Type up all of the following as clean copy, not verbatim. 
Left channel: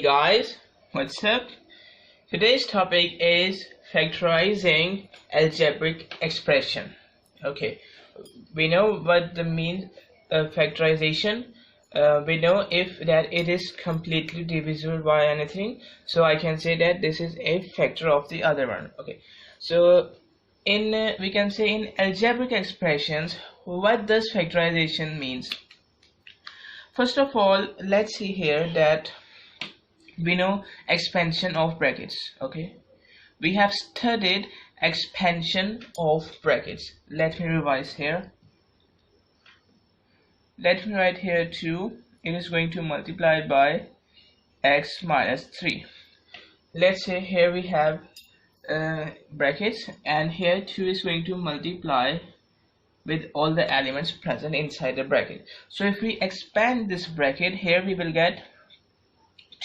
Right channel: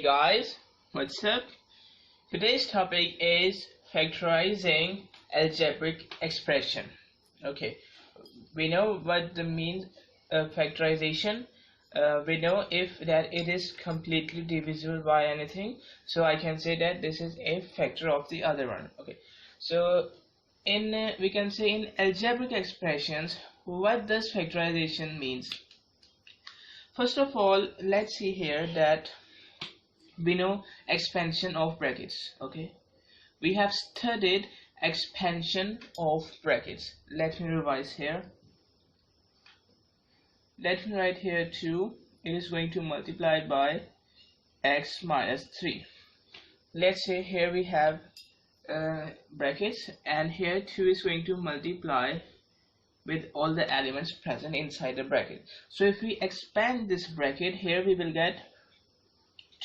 Hey guys, what's up? Today's topic is factorizing algebraic expression. Okay, we know what the means of factorization. We know if that it is completely divisible by anything, so I can say that this is a factor of the other one. Okay, so in we can say in algebraic expressions, what does factorization means? First of all, let's see here that we know expansion of brackets. Okay, we have studied expansion of brackets. Let me revise here. Let me write here 2. It is going to multiply by x minus 3. Let's say here we have brackets, and here 2 is going to multiply with all the elements present inside the bracket. So if we expand this bracket, here we will get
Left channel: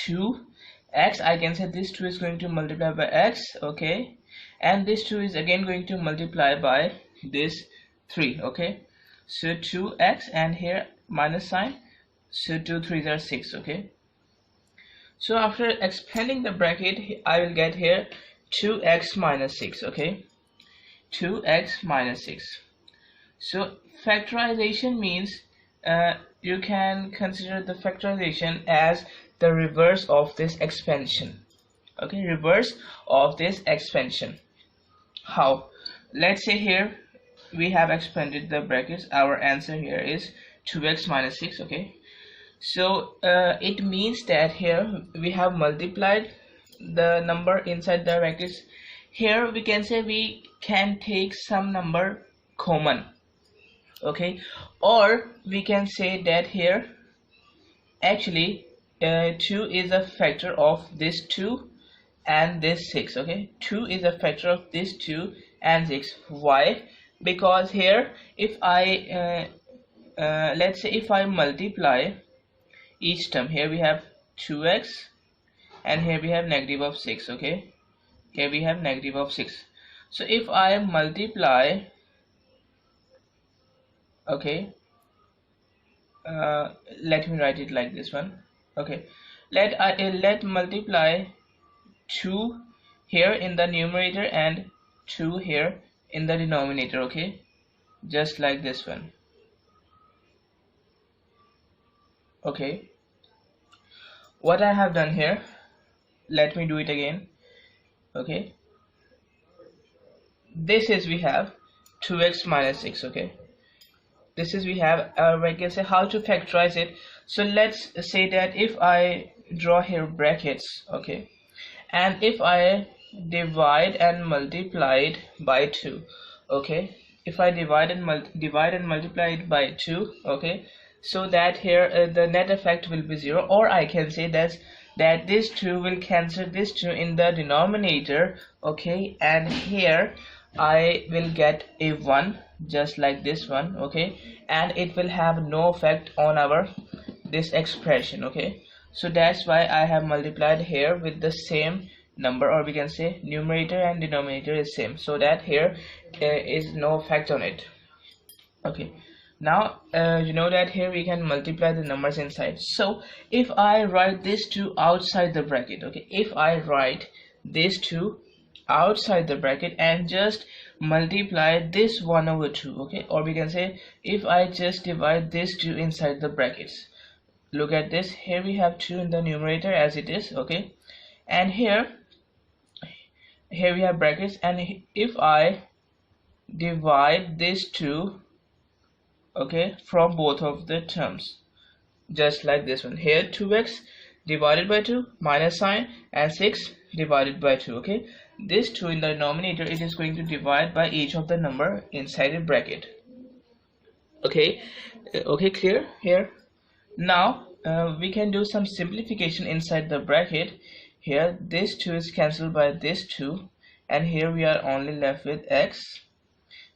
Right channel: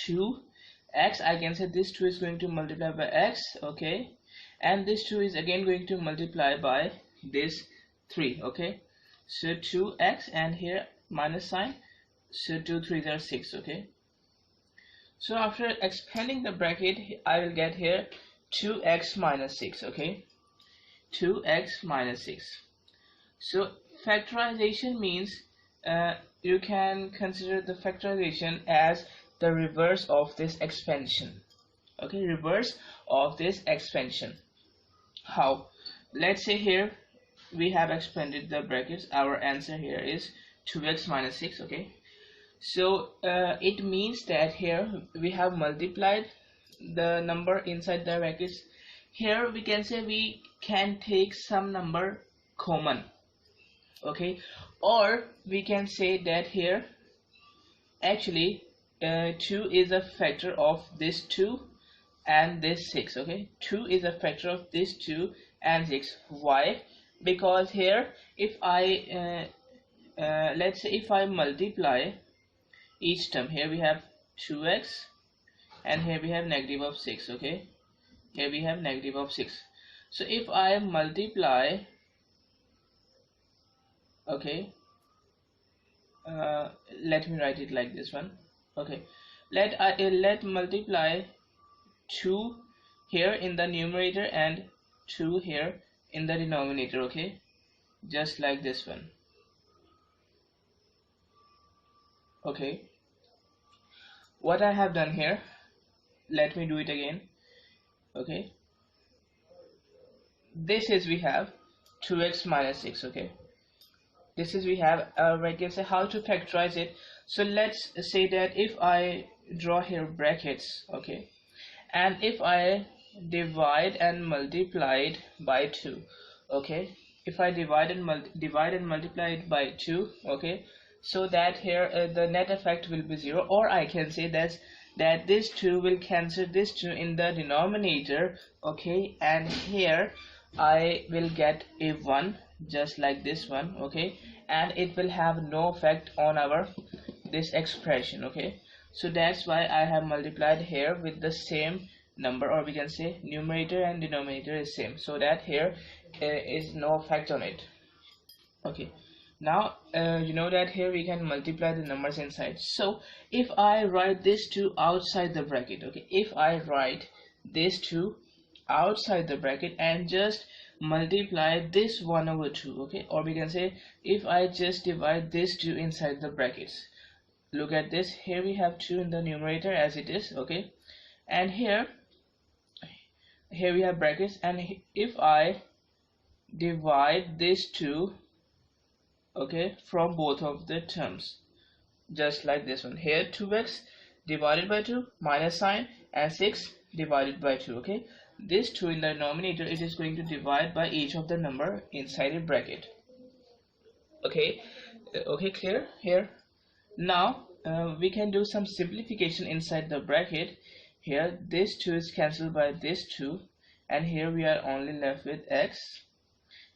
2x. I can say this 2 is going to multiply by x, okay, and this 2 is again going to multiply by this 3, okay. So 2x, and here minus sign, so 2 3s are 6, okay. So after expanding the bracket, I will get here 2x minus 6, okay, 2x minus 6. So factorization means you can consider the factorization as the reverse of this expansion. Okay, reverse of this expansion. How? Let's say here we have expanded the brackets. Our answer here is 2x minus 6. Okay, so it means that here we have multiplied the number inside the brackets. Here we can say we can take some number common, okay, or we can say that here actually 2 is a factor of this 2 and this 6. Okay, 2 is a factor of this 2 and 6. Why? Because here if I let's say if I multiply each term, here we have 2x and here we have negative of 6. Okay, here we have negative of 6. So if I multiply, okay, let me write it like this one. Okay, let multiply 2 here in the numerator and 2 here in the denominator. Okay, just like this one. Okay, what I have done here, let me do it again. Okay, this is we have 2x minus 6. Okay, this is we have we can say how to factorize it. So let's say that if I draw here brackets, okay, and if I divide and multiply it by 2, okay, if I divide and multiply it by 2, okay, so that here the net effect will be 0, or I can say that this 2 will cancel this 2 in the denominator, okay, and here I will get a 1 just like this one, okay, and it will have no effect on our this expression. Okay, so that's why I have multiplied here with the same number, or we can say numerator and denominator is same, so that here is no effect on it. Okay, now you know that here we can multiply the numbers inside. So if I write this 2 outside the bracket, okay, if I write this 2 outside the bracket and just multiply this 1 over 2, okay, or we can say if I just divide this 2 inside the brackets, look at this, here we have 2 in the numerator as it is, okay, and here we have brackets, and if I divide this 2, okay, from both of the terms, just like this one, here 2x divided by 2 minus sign and 6 divided by 2, okay, this 2 in the denominator, it is going to divide by each of the number inside a bracket. Okay, okay, clear here? Now we can do some simplification inside the bracket. Here this 2 is cancelled by this 2, and here we are only left with x,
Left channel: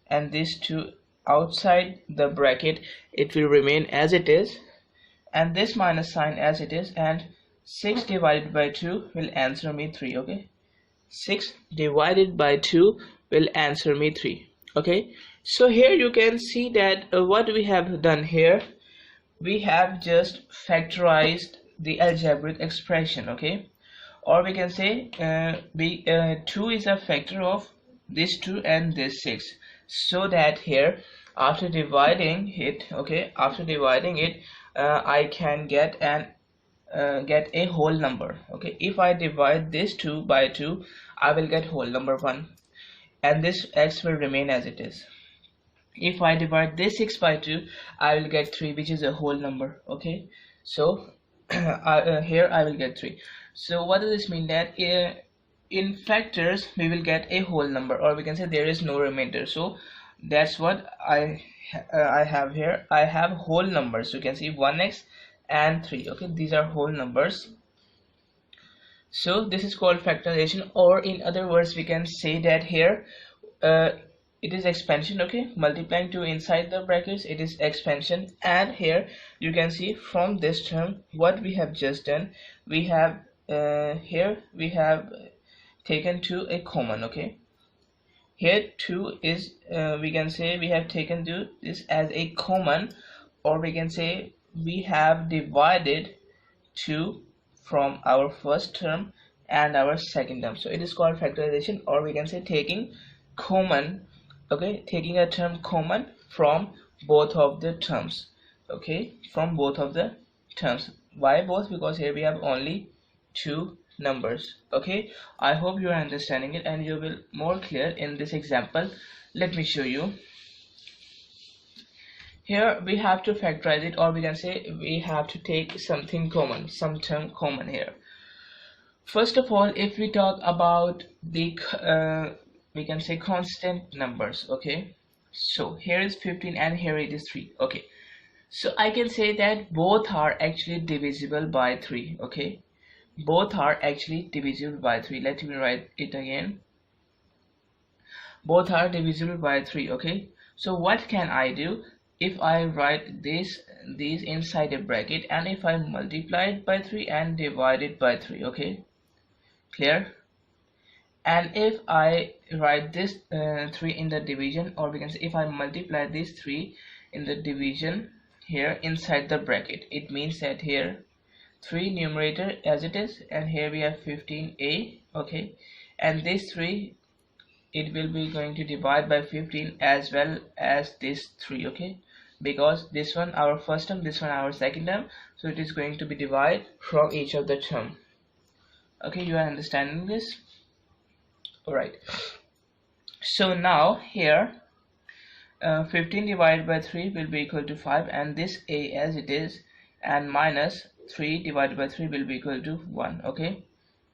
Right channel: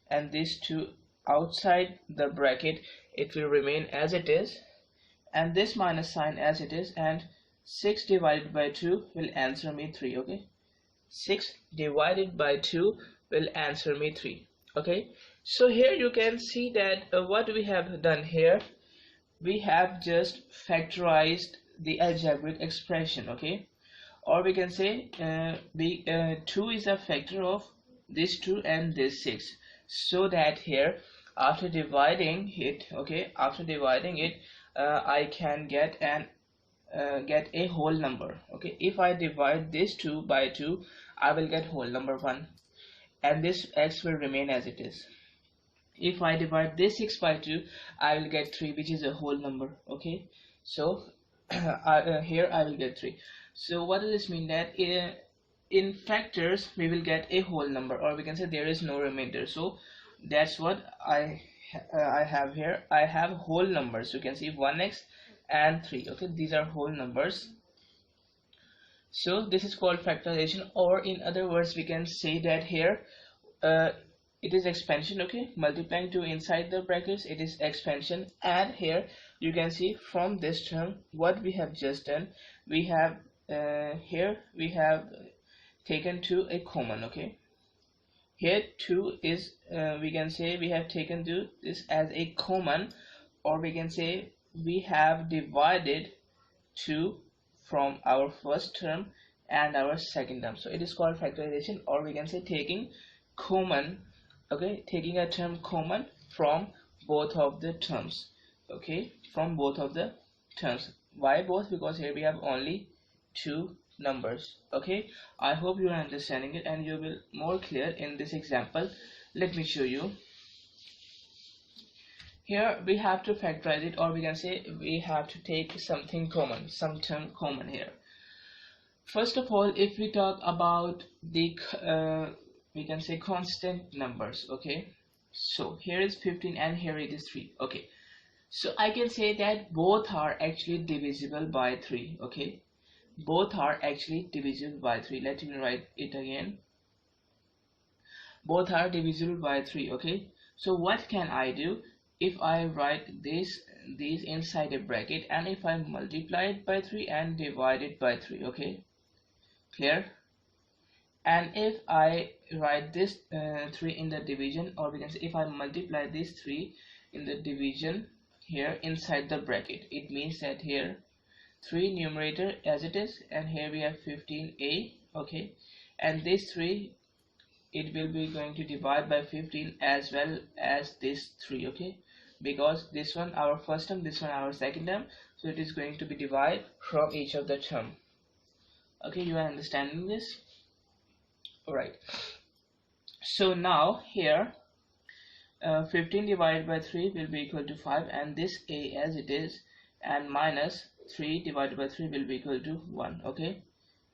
and this 2 outside the bracket, it will remain as it is, and this minus sign as it is, and 6 divided by 2 will answer me 3. Okay, 6 divided by 2 will answer me 3. Okay, so here you can see that what we have done here, we have just factorized the algebraic expression, okay? Or we can say 2 is a factor of this 2 and this 6, so that here after dividing it, okay, after dividing it, I can get a whole number, okay? If I divide this 2 by 2, I will get whole number 1, and this x will remain as it is. If I divide this 6 by 2, I will get 3, which is a whole number, okay? So here I will get 3. So what does this mean? That in factors we will get a whole number, or we can say there is no remainder. So that's what I have here. I have whole numbers. You can see 1x and 3, okay? These are whole numbers. So this is called factorization, or in other words we can say that here it is expansion, okay? Multiplying 2 inside the brackets, it is expansion. And here you can see from this term what we have just done, we have here we have taken 2 a common, okay? Here 2 is we can say we have taken this as a common, or we can say we have divided 2 from our first term and our second term. So it is called factorization, or we can say taking common, okay, taking a term common from both of the terms, okay, from both of the terms. Why both? Because here we have only 2 numbers, okay? I hope you are understanding it and you will more clear in this example. Let me show you. Here we have to factorize it, or we can say we have to take something common, some term common here. First of all, if we talk about the we can say constant numbers, okay? So here is 15 and here it is 3, okay? So I can say that both are actually divisible by 3, okay? Both are actually divisible by 3. Let me write it again. Both are divisible by 3, okay? So what can I do? If I write these inside a bracket, and if I multiply it by 3 and divide it by 3, okay? Clear? And if I write this 3 in the division, or we can say if I multiply this 3 in the division here inside the bracket, it means that here 3 numerator as it is, and here we have 15a, okay? And this 3, it will be going to divide by 15 as well as this 3, okay? Because this one our first term, this one our second term, so it is going to be divided from each of the term, okay? You are understanding this? Alright, so now here 15 divided by 3 will be equal to 5, and this a as it is, and minus 3 divided by 3 will be equal to 1, okay?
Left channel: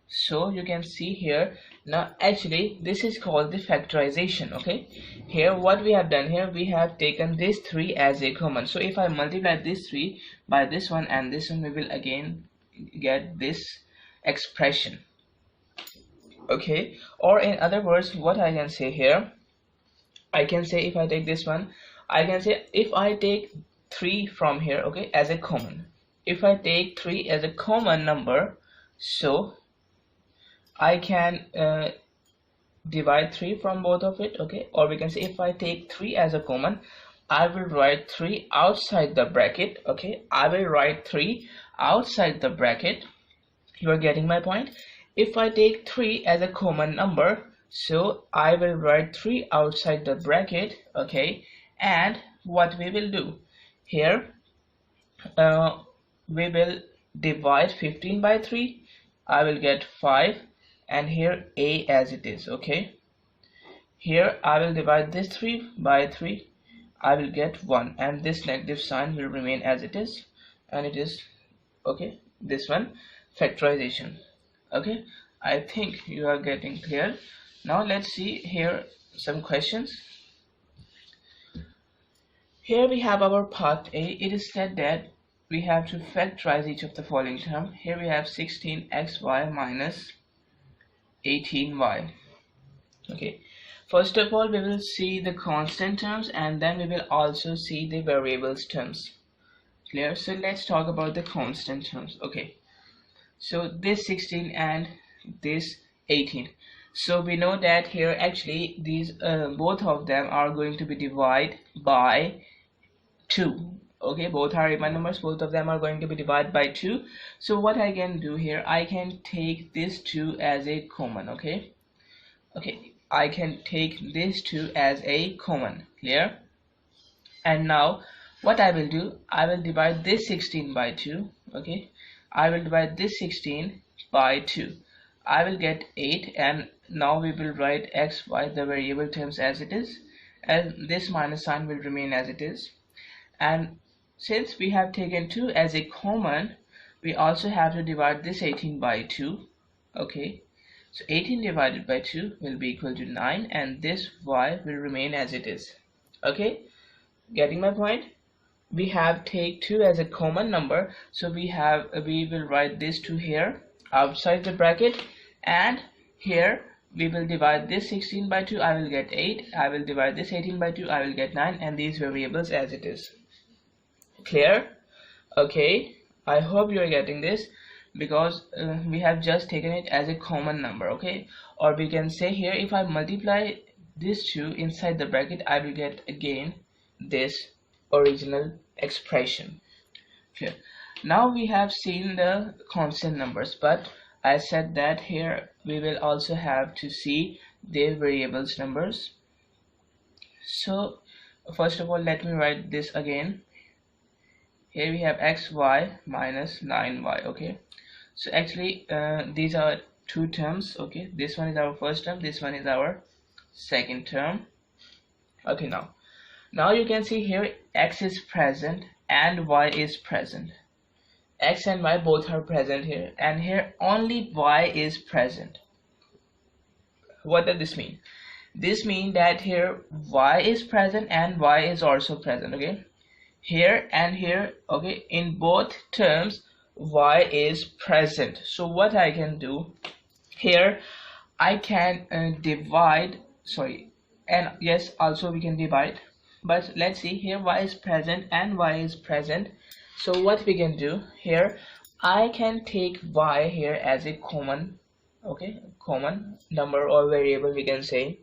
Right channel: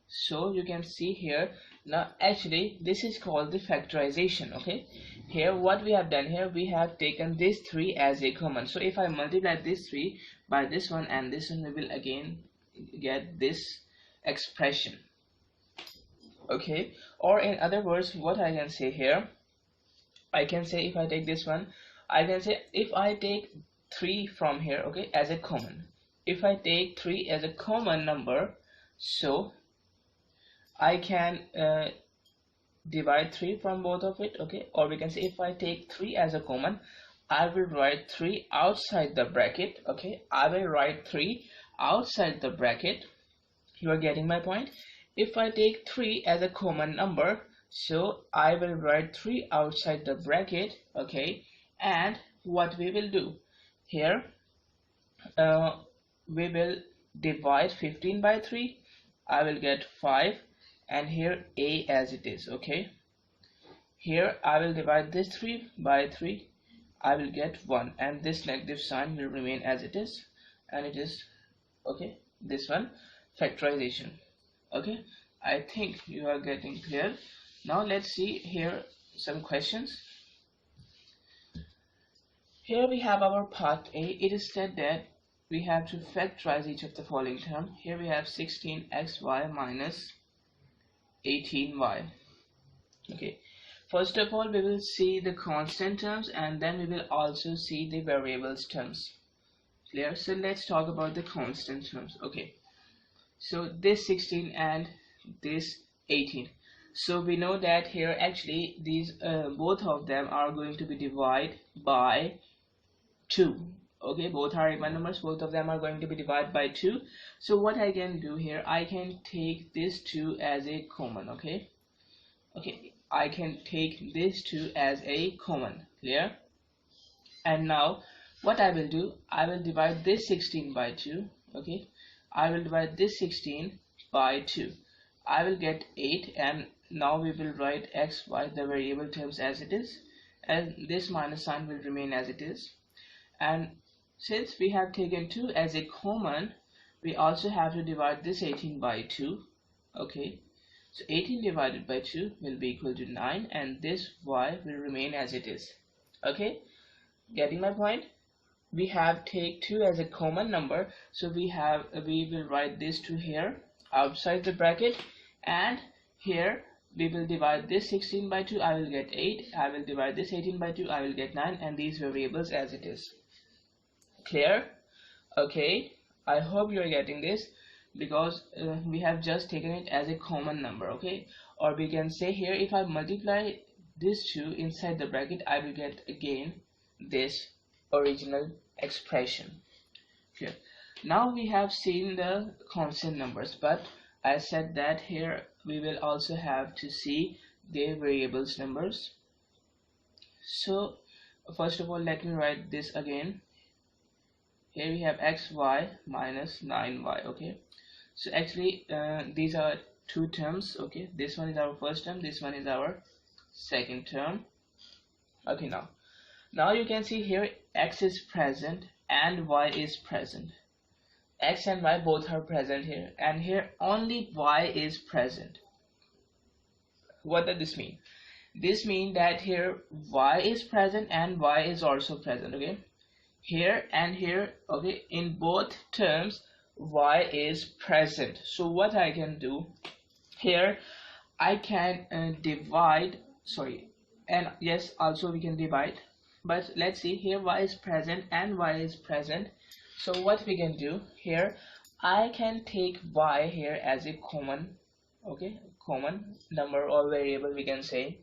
So you can see here, now actually this is called the factorization, okay? Here what we have done here, we have taken this 3 as a common. So if I multiply this 3 by this one and this one, we will again get this expression, okay? Or in other words, what I can say here, I can say if I take this one, I can say if I take 3 from here, okay, as a common, if I take 3 as a common number, so I can divide 3 from both of it, okay? Or we can say if I take 3 as a common, I will write 3 outside the bracket, okay? I will write 3 outside the bracket. You are getting my point? If I take 3 as a common number, so I will write 3 outside the bracket, okay? And what we will do here, we will divide 15 by 3. I will get 5, and here a as it is, okay? Here I will divide this 3 by 3. I will get 1, and this negative sign will remain as it is, and it is, okay, this one factorization, okay? I think you are getting clear. Now let's see here some questions. Here we have our part A. It is said that we have to factorize each of the following term. Here we have 16xy minus 18y. Okay, first of all we will see the constant terms, and then we will also see the variables terms. Clear? So let's talk about the constant terms. Okay, so this 16 and this 18. So we know that here actually these both of them are going to be divided by 2. Okay, both are even numbers, both of them are going to be divided by 2. So what I can do here, I can take this 2 as a common. Okay, I can take this 2 as a common. Clear? And now what I will do, I will divide this 16 by 2. Okay, I will divide this 16 by 2. I will get 8, and now we will write x, y, the variable terms as it is, and this minus sign will remain as it is. And since we have taken 2 as a common, we also have to divide this 18 by 2. Okay, so 18 divided by 2 will be equal to 9, and this y will remain as it is. Okay, getting my point? We have take 2 as a common number, so we will write this 2 here outside the bracket, and here we will divide this 16 by 2, I will get 8, I will divide this 18 by 2, I will get 9, and these variables as it is. Clear? Okay, I hope you are getting this, because we have just taken it as a common number. Okay, or we can say here, if I multiply this 2 inside the bracket, I will get again this original expression. Clear? Now we have seen the constant numbers, but I said that here we will also have to see the variables numbers. So first of all, let me write this again. Here we have xy minus 9y. Okay, so actually these are two terms. Okay, this one is our first term, this one is our second term. Okay, now you can see here x is present and y is present. X and y both are present here, and here only y is present. What does this mean? This means that here y is present and y is also present. Okay, here and here. Okay, in both terms y is present. So what I can do here, I can divide, sorry, and yes, also we can divide, but let's see, here y is present and y is present. So what we can do here, I can take y here as a common, okay, common number or variable we can say.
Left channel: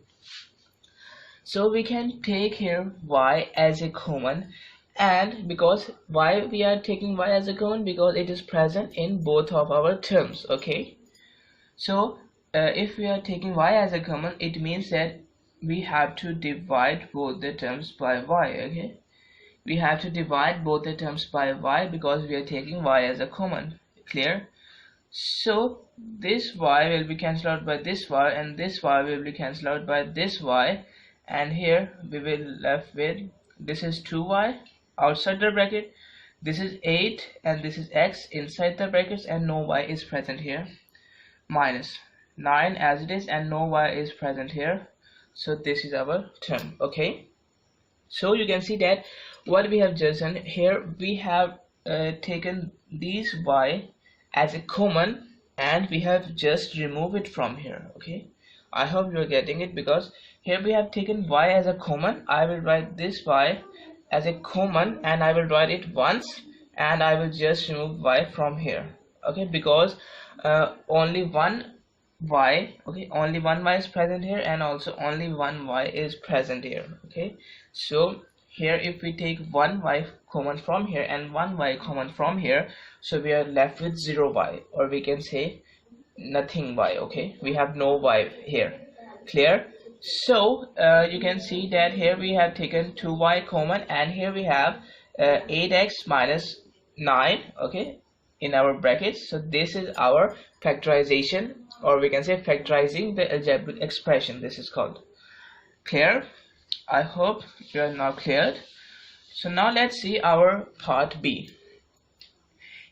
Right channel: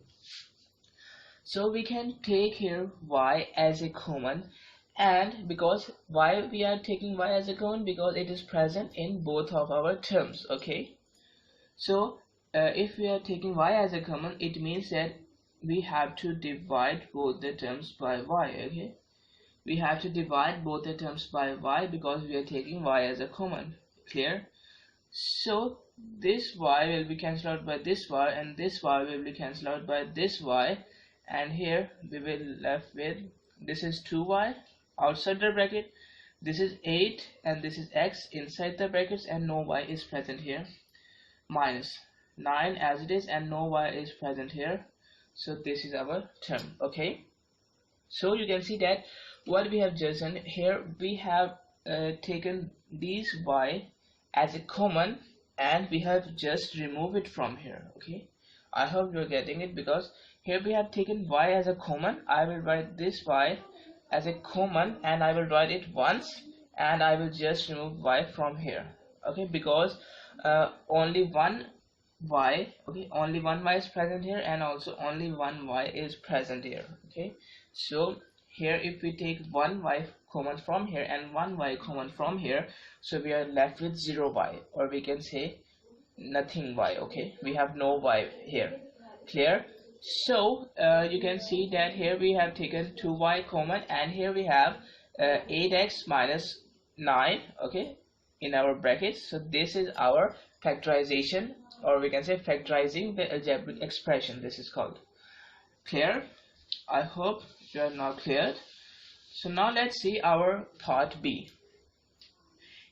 So we can take here y as a common, and because why we are taking y as a common, because it is present in both of our terms. Okay, so if we are taking y as a common, it means that we have to divide both the terms by y. Okay, we have to divide both the terms by y because we are taking y as a common. Clear? So this y will be cancelled out by this y, and this y will be cancelled out by this y, and here we will left with, this is 2y outside the bracket, this is 8, and this is x inside the brackets, and no y is present here, minus 9 as it is, and no y is present here. So this is our term. Okay, so you can see that what we have just done here, we have taken these y as a common, and we have just removed it from here. Okay, I hope you are getting it, because here we have taken y as a common. I will write this y as a common, and I will write it once, and I will just remove y from here. Okay, because only one y, okay, only one y is present here, and also only one y is present here. Okay, so here if we take one y common from here and one y common from here, so we are left with 0 y, or we can say nothing y. Okay, we have no y here. Clear? So you can see that here we have taken 2y common, and here we have 8x minus 9, okay, in our brackets. So this is our factorization, or we can say factorizing the algebraic expression. This is called. Clear? I hope you are now cleared. So now let's see our part B.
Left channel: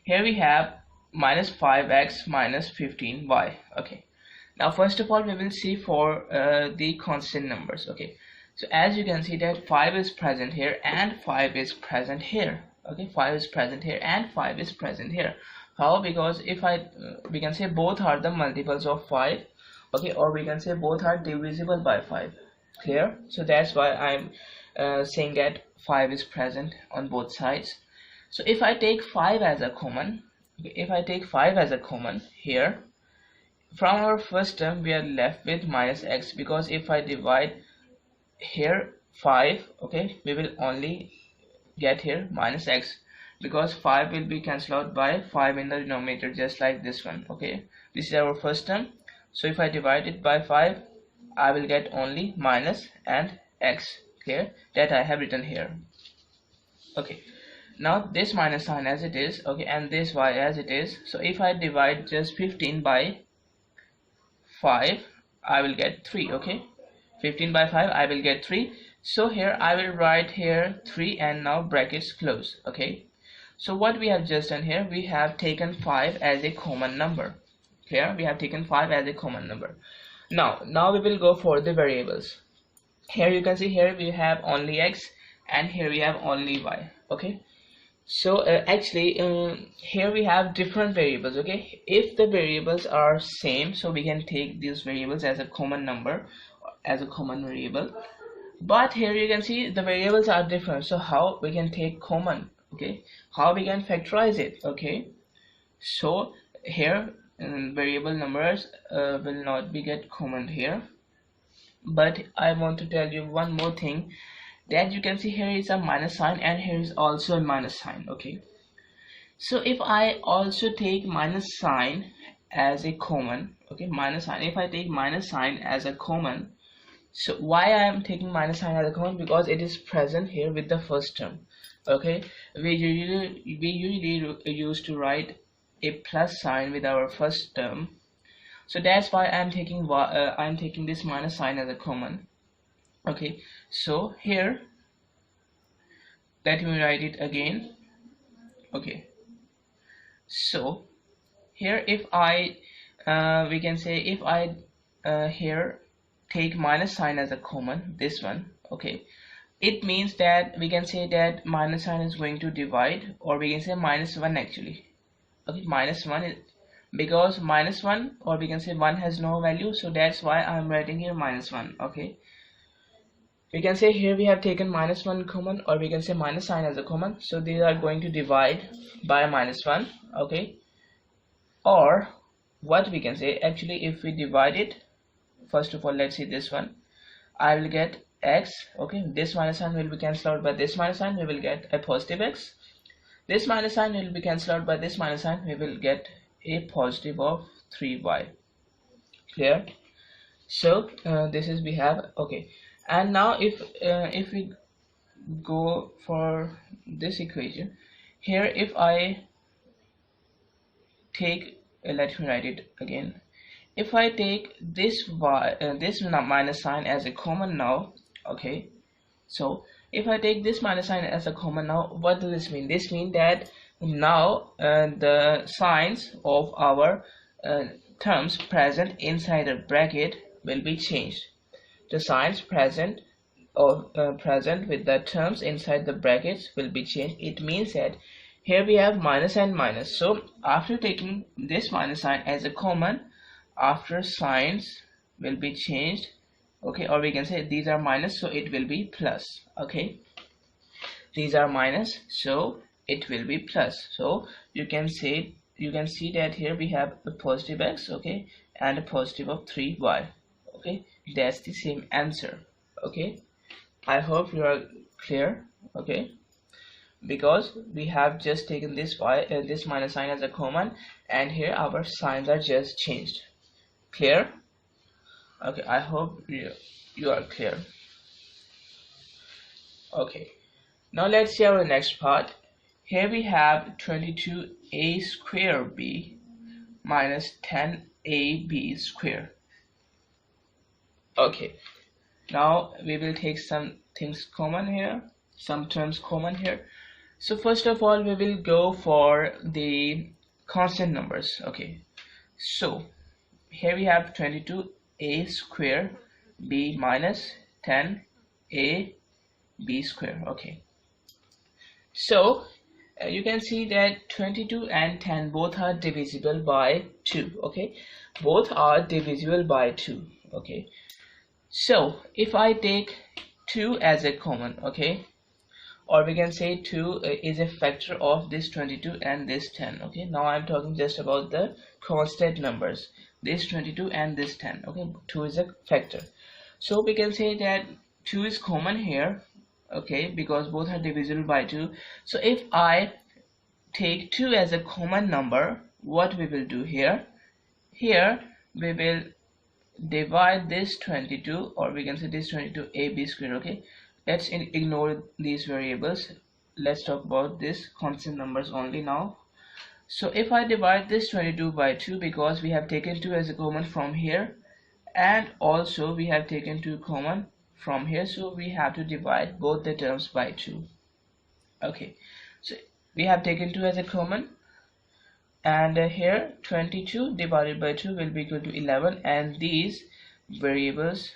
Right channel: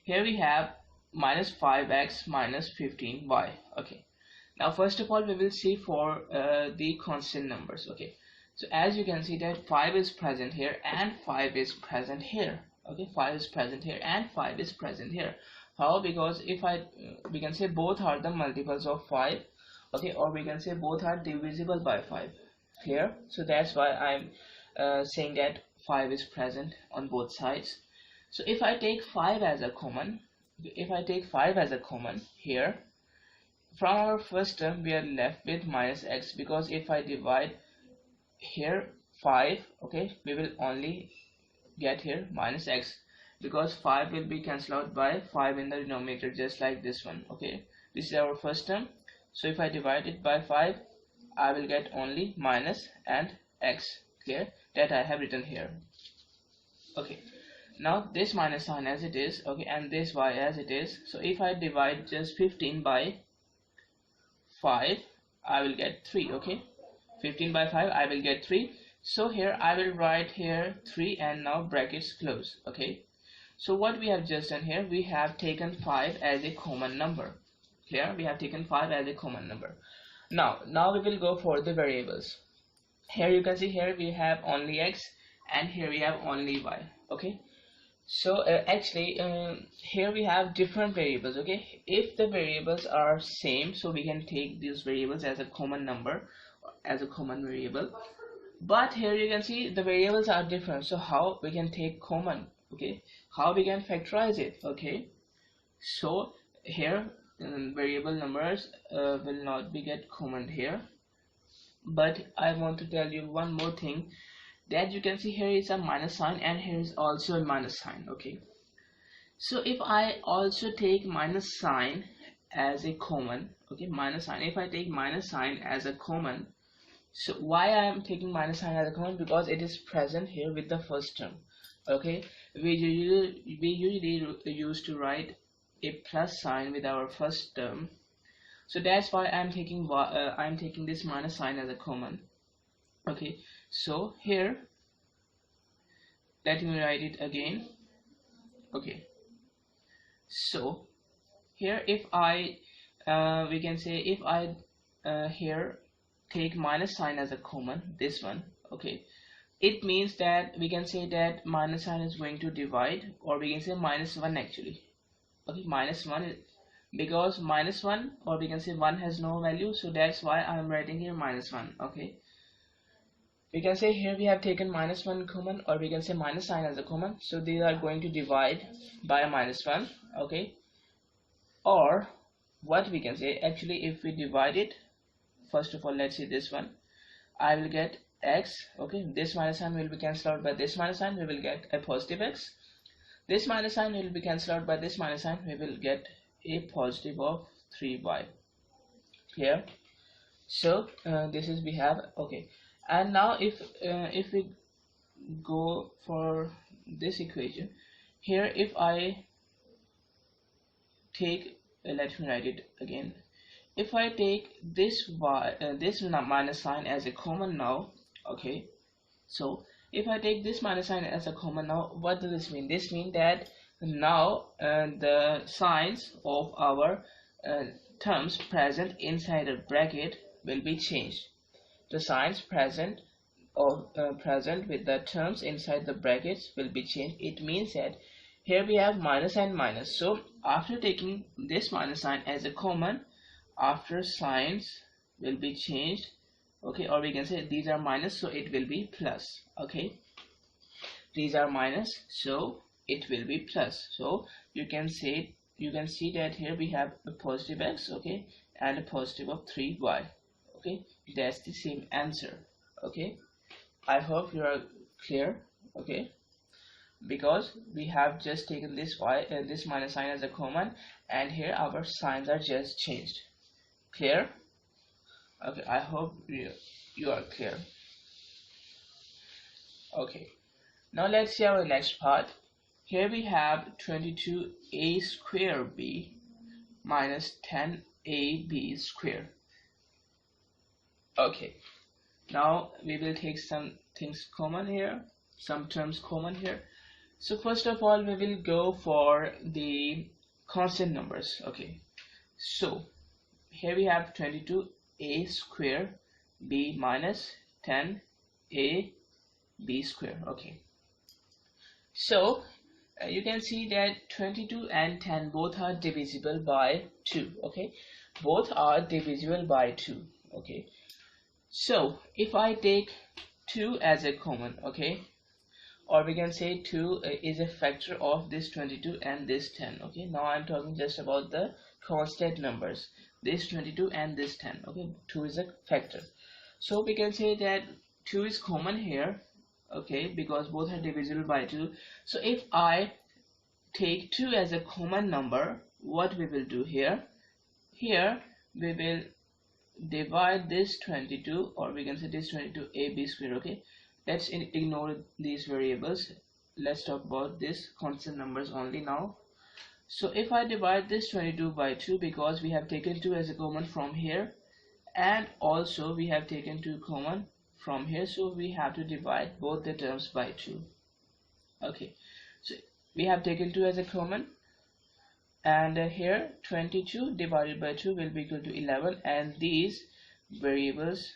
Here we have minus 5x minus 15y. Okay, now first of all we will see for the constant numbers. Okay, so as you can see that 5 is present here and 5 is present here. Okay, 5 is present here and 5 is present here. How? Because if we can say both are the multiples of 5. Okay, or we can say both are divisible by 5. Clear? So that's why I'm saying that 5 is present on both sides. So if I take 5 as a common, if I take 5 as a common here, from our first term we are left with minus x, because if I divide here 5, okay, we will only get here minus x, because 5 will be cancelled out by 5 in the denominator, just like this one. Okay, this is our first term. So if I divide it by 5, I will get only minus and x. Clear? That I have written here. Okay, now this minus sign as it is, okay, and this y as it is. So if I divide just 15 by 5, I will get 3. Okay, 15 by 5, I will get 3. So here I will write here 3 and now brackets close. Okay, so what we have just done here, we have taken 5 as a common number. Here we have taken 5 as a common number. Now we will go for the variables. Here you can see, here we have only x and here we have only y. Okay, so actually here we have different variables. Okay, if the variables are same, so we can take these variables as a common number, as a common variable. But here you can see the variables are different, so how we can take common? Okay, how we can factorize it? Okay, so here variable numbers will not be get common here. But I want to tell you one more thing, that you can see here is a minus sign and here is also a minus sign. Okay, so if I also take minus sign as a common, okay, minus sign, if I take minus sign as a common, so why I am taking minus sign as a common? Because it is present here with the first term. Okay, we usually used to write a plus sign with our first term, so that's why I'm taking this minus sign as a common. Okay, so here let me write it again. Okay, so here if I we can say if I here take minus sign as a common, this one, okay, it means that we can say that minus sign is going to divide, or we can say minus 1 actually. Okay, minus 1 is because minus 1, or we can say 1 has no value, so that's why I'm writing here minus 1. Okay, we can say here we have taken minus 1 common, or we can say minus sign as a common, so these are going to divide by minus 1. Okay, or what we can say, actually if we divide it, first of all let's see this one, I will get x. Okay, this minus sign will be cancelled out by this minus sign, we will get a positive x. This minus sign will be cancelled out by this minus sign, we will get a positive of 3y. Clear? So this is we have. Okay, and now if we go for this equation here, if I take let me write it again, if I take this y this minus sign as a common now. Okay, so if I take this minus sign as a common now, what does this mean? This means that now the signs of our terms present inside a bracket will be changed. The signs present present with the terms inside the brackets will be changed. It means that here we have minus and minus, so after taking this minus sign as a common, after signs will be changed. Okay, or we can say these are minus, so it will be plus. Okay, these are minus, so it will be plus. So you can say, you can see that here we have a positive x, okay, and a positive of 3y. Okay, that's the same answer. Okay, I hope you are clear. Okay, because we have just taken this y this minus sign as a common, and here our signs are just changed. Clear? Okay, I hope you are clear. Okay, now let's see our next part. Here we have 22a square b minus 10ab square. Okay, now we will take some things common here, some terms common here. So first of all we will go for the constant numbers. Okay, so here we have 22a square b minus 10a b square. Okay, so you can see that 22 and 10 both are divisible by 2. Okay, both are divisible by 2. Okay, so if I take 2 as a common, okay, or we can say 2 is a factor of this 22 and this 10. Okay, now I'm talking just about the constant numbers, this 22 and this 10. Okay, 2 is a factor, so we can say that 2 is common here. okay, because both are divisible by 2. So if I take 2 as a common number, what we will do here, we will divide this 22, or we can say this 22 ab square. Okay, let's ignore these variables. Let's talk about this constant numbers only now. So if I divide this 22 by 2, because we have taken 2 as a common from here, and also we have taken 2 common from here, so we have to divide both the terms by 2. Okay, so we have taken 2 as a common, and here 22 divided by 2 will be equal to 11, and these variables,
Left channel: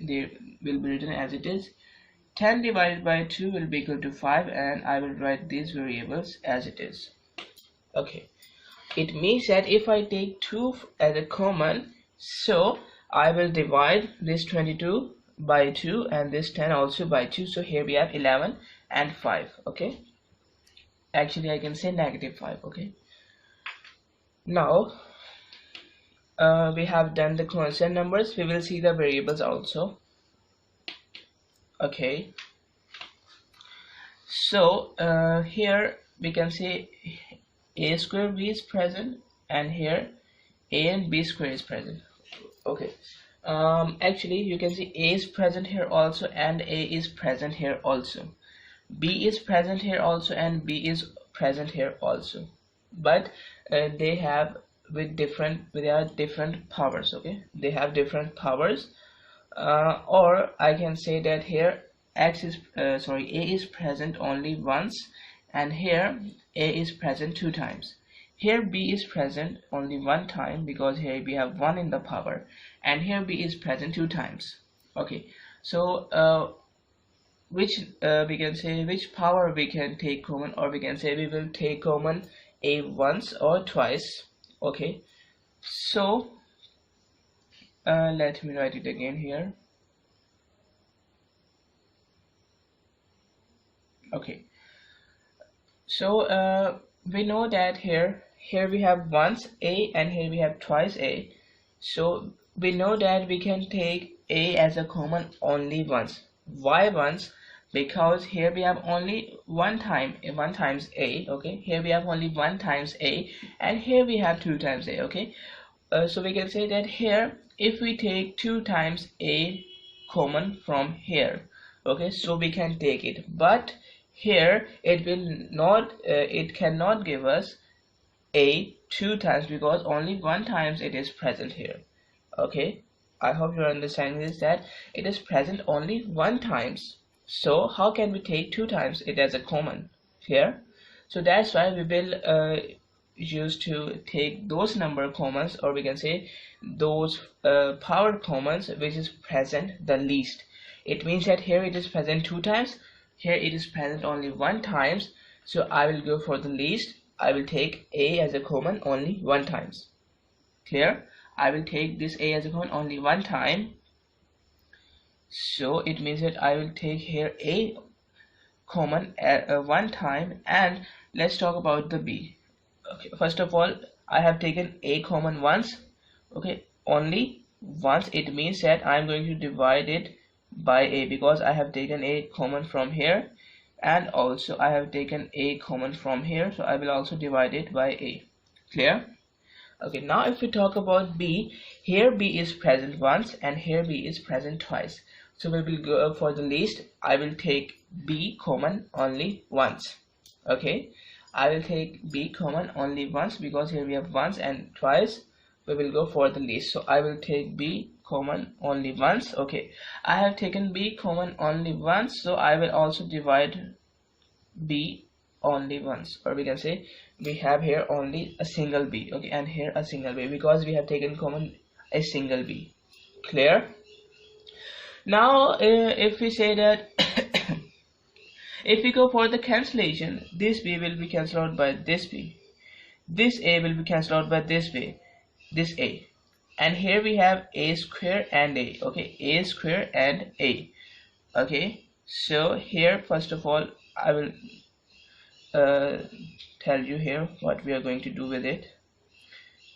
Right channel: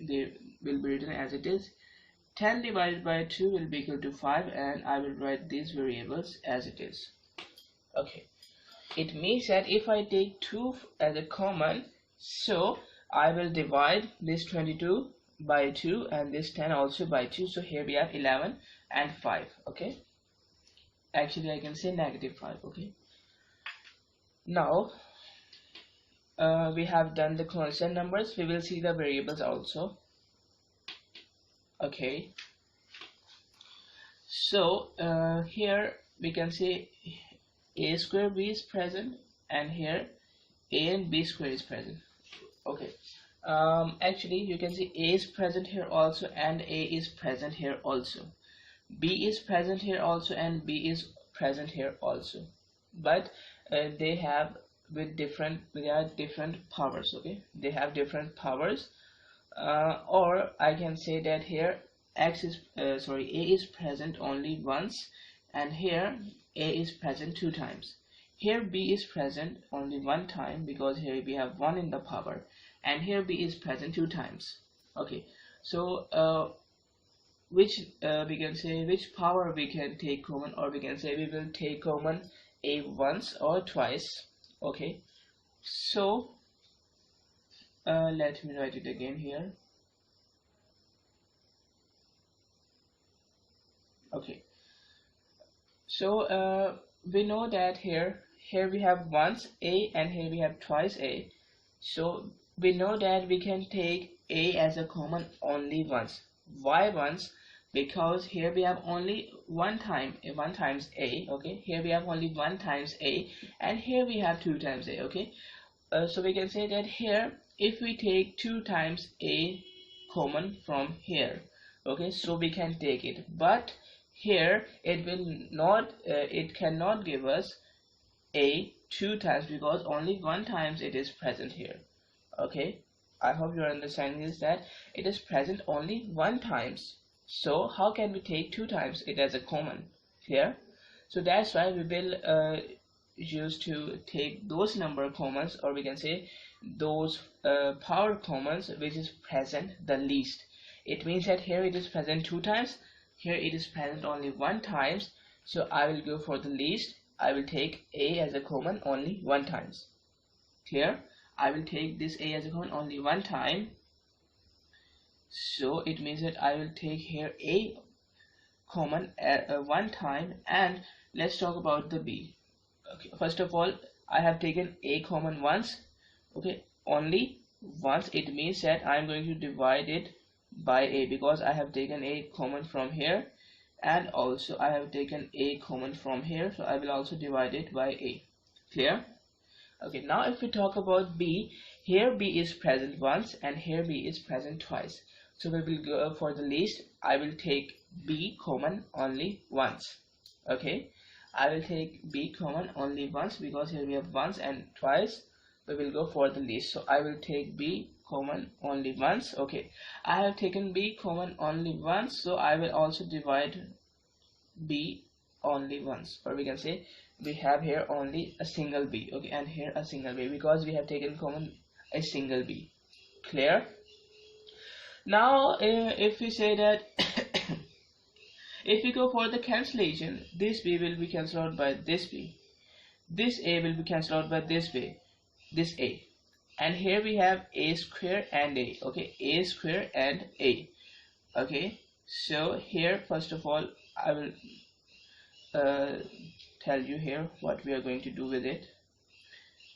they will be written as it is. 10 divided by 2 will be equal to 5, and I will write these variables as it is. Okay, it means that if I take 2 as a common, so I will divide this 22 by 2 and this 10 also by 2. So here we have 11 and 5. Okay, actually I can say negative 5. Okay, now we have done the constant numbers. We will see the variables also. Okay, so here we can say a square b is present, and here a and b square is present. Okay, actually you can see a is present here also, and a is present here also. B is present here also, and b is present here also, but they have they are different powers. Okay, they have different powers, or I can say that here x is a is present only once, and here a is present 2 times. Here b is present only 1 time, because here we have 1 in the power, and here b is present 2 times. Okay, so which we can say which power we can take common, or we can say we will take common a once or twice. Okay, so let me write it again here. Okay, so we know that here we have once a, and here we have twice a. So we know that we can take a as a common only once. Why once? Because here we have only one times a. Okay, here we have only 1 times a, and here we have 2 times a. Okay, so we can say that here if we take 2 times a common from here, okay, so we can take it, but here it will not it cannot give us a 2 times, because only 1 times it is present here. Okay, I hope you are understanding this, that it is present only 1 times. So how can we take 2 times it as a common here? So that's why we will use to take those number commons, or we can say those power commons which is present the least. It means that here it is present 2 times, here it is present only 1 times, so I will go for the least. I will take a as a common only 1 times. Clear? I will take this a as a common only 1 time, so it means that I will take here a common at 1 time. And let's talk about the b. Okay, first of all, I have taken a common once. Okay, only once. It means that I am going to divide it by a, because I have taken a common from here, and also I have taken a common from here, so I will also divide it by a. Clear? Okay, now if we talk about b, here b is present once, and here b is present twice, so we will go for the least. I will take b common only once. Okay, I will take b common only once, because here we have once and twice. We will go for the least, so I will take b common only once. Okay, I have taken b common only once, so I will also divide b only once, or we can say we have here only a single b. Okay, and here a single b, because we have taken common a single b. Clear? Now if we say that if we go for the cancellation, this b will be cancelled out by this b, this a will be cancelled out by this b, this a, and here we have a square and a. Okay, a square and a. Okay, so here first of all I will tell you here what we are going to do with it.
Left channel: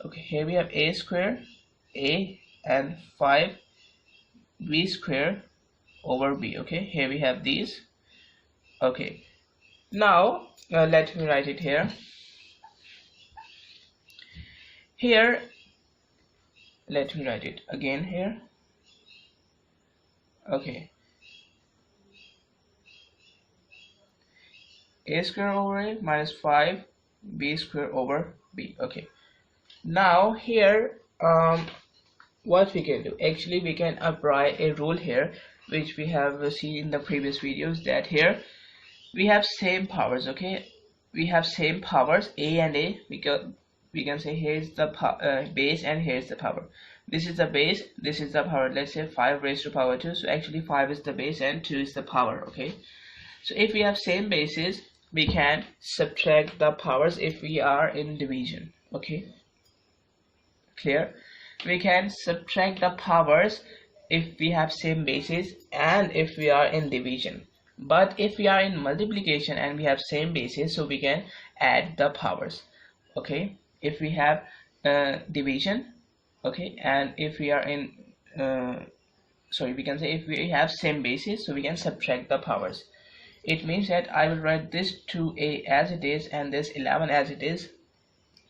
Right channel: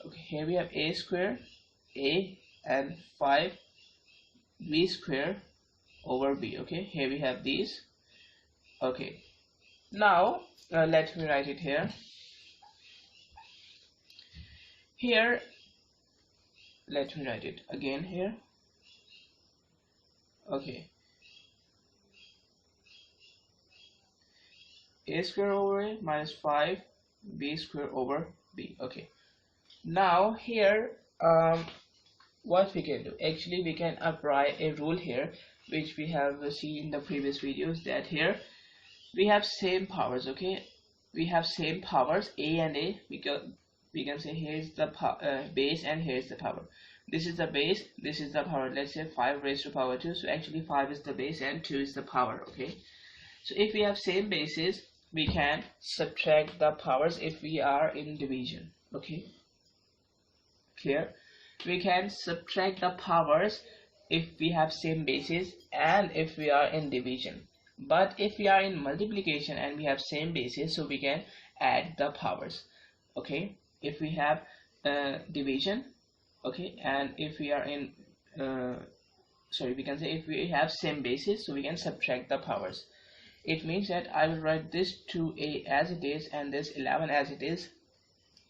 Okay, here we have a square, a, and 5 b square over b. Okay, here we have these. Okay, now let me write it here. Here, let me write it again here. Okay, a square over a minus 5 b square over b. Okay, now here what we can do, actually we can apply a rule here which we have seen in the previous videos, that here we have same powers. Okay, we have same powers a and a, because we can say here is the base and here is the power. This is the base, this is the power. Let's say 5 raised to power 2, so actually 5 is the base and 2 is the power. Okay, so if we have same bases, we can subtract the powers if we are in division. Okay, clear? We can subtract the powers if we have same bases and if we are in division. But if we are in multiplication and we have same bases, so we can add the powers. Okay, if we have division, okay, and if we are in we can say if we have same bases, so we can subtract the powers. It means that I will write this 2a as it is and this 11 as it is.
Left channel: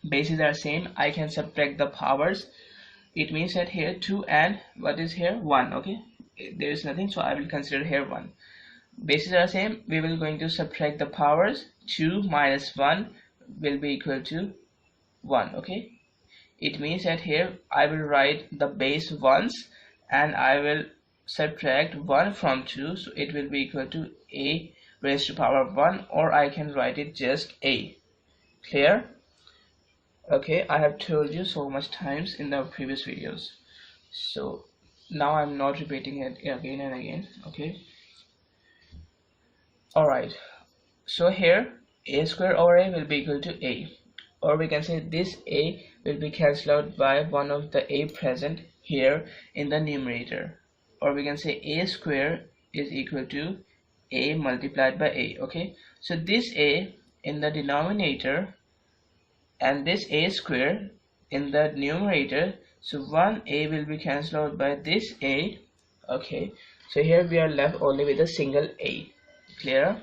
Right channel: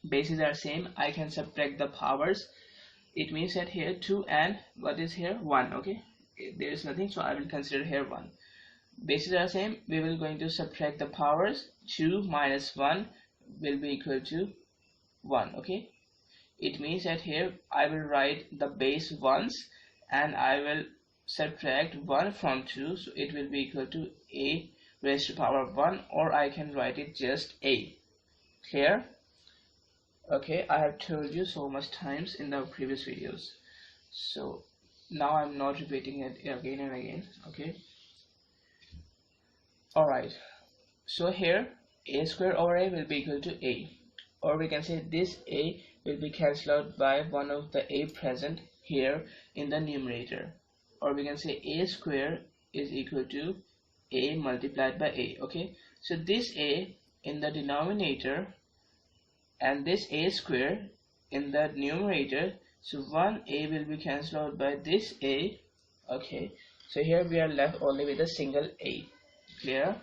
Bases are same, I can subtract the powers. It means that here 2 and what is here 1. Okay, there is nothing, so I will consider here 1. Bases are same, we will going to subtract the powers. 2 minus 1 will be equal to 1. Okay, it means that here I will write the base once and I will subtract 1 from 2, so it will be equal to a raised to power 1, or I can write it just a. Clear? Okay, I have told you so much times in the previous videos, so now I'm not repeating it again and again. Okay, alright, so here a square over a will be equal to a, or we can say this a will be cancelled out by one of the a present here in the numerator, or we can say a square is equal to a multiplied by a. Okay, so this a in the denominator and this a square in the numerator, so one a will be cancelled out by this a. Okay, so here we are left only with a single a. Clear?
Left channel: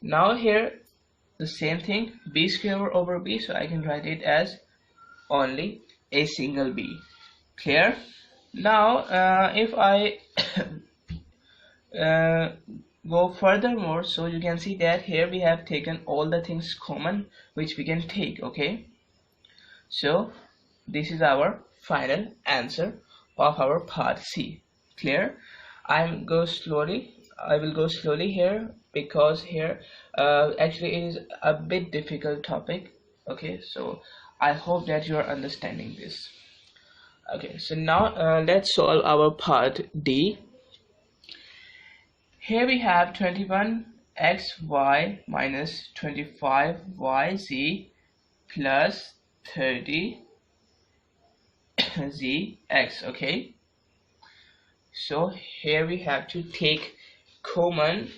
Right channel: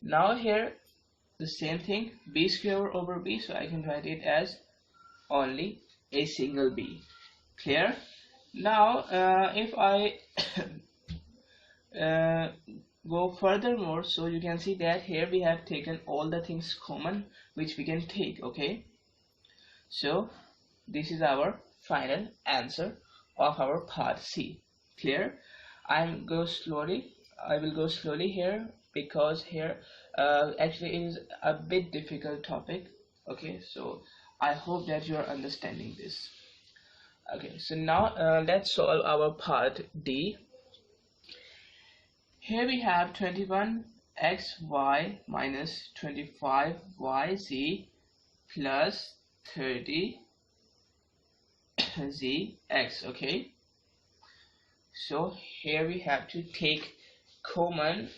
Now here the same thing, b square over b, so I can write it as only a single b. Clear? Now if I go furthermore, so you can see that here we have taken all the things common which we can take. Okay, so this is our final answer of our part C. Clear? I will go slowly here, because here actually it is a bit difficult topic. Okay, so I hope that you are understanding this. Okay, so now let's solve our part D. Here we have 21xy minus 25yz plus 30zx. Okay, so here we have to take common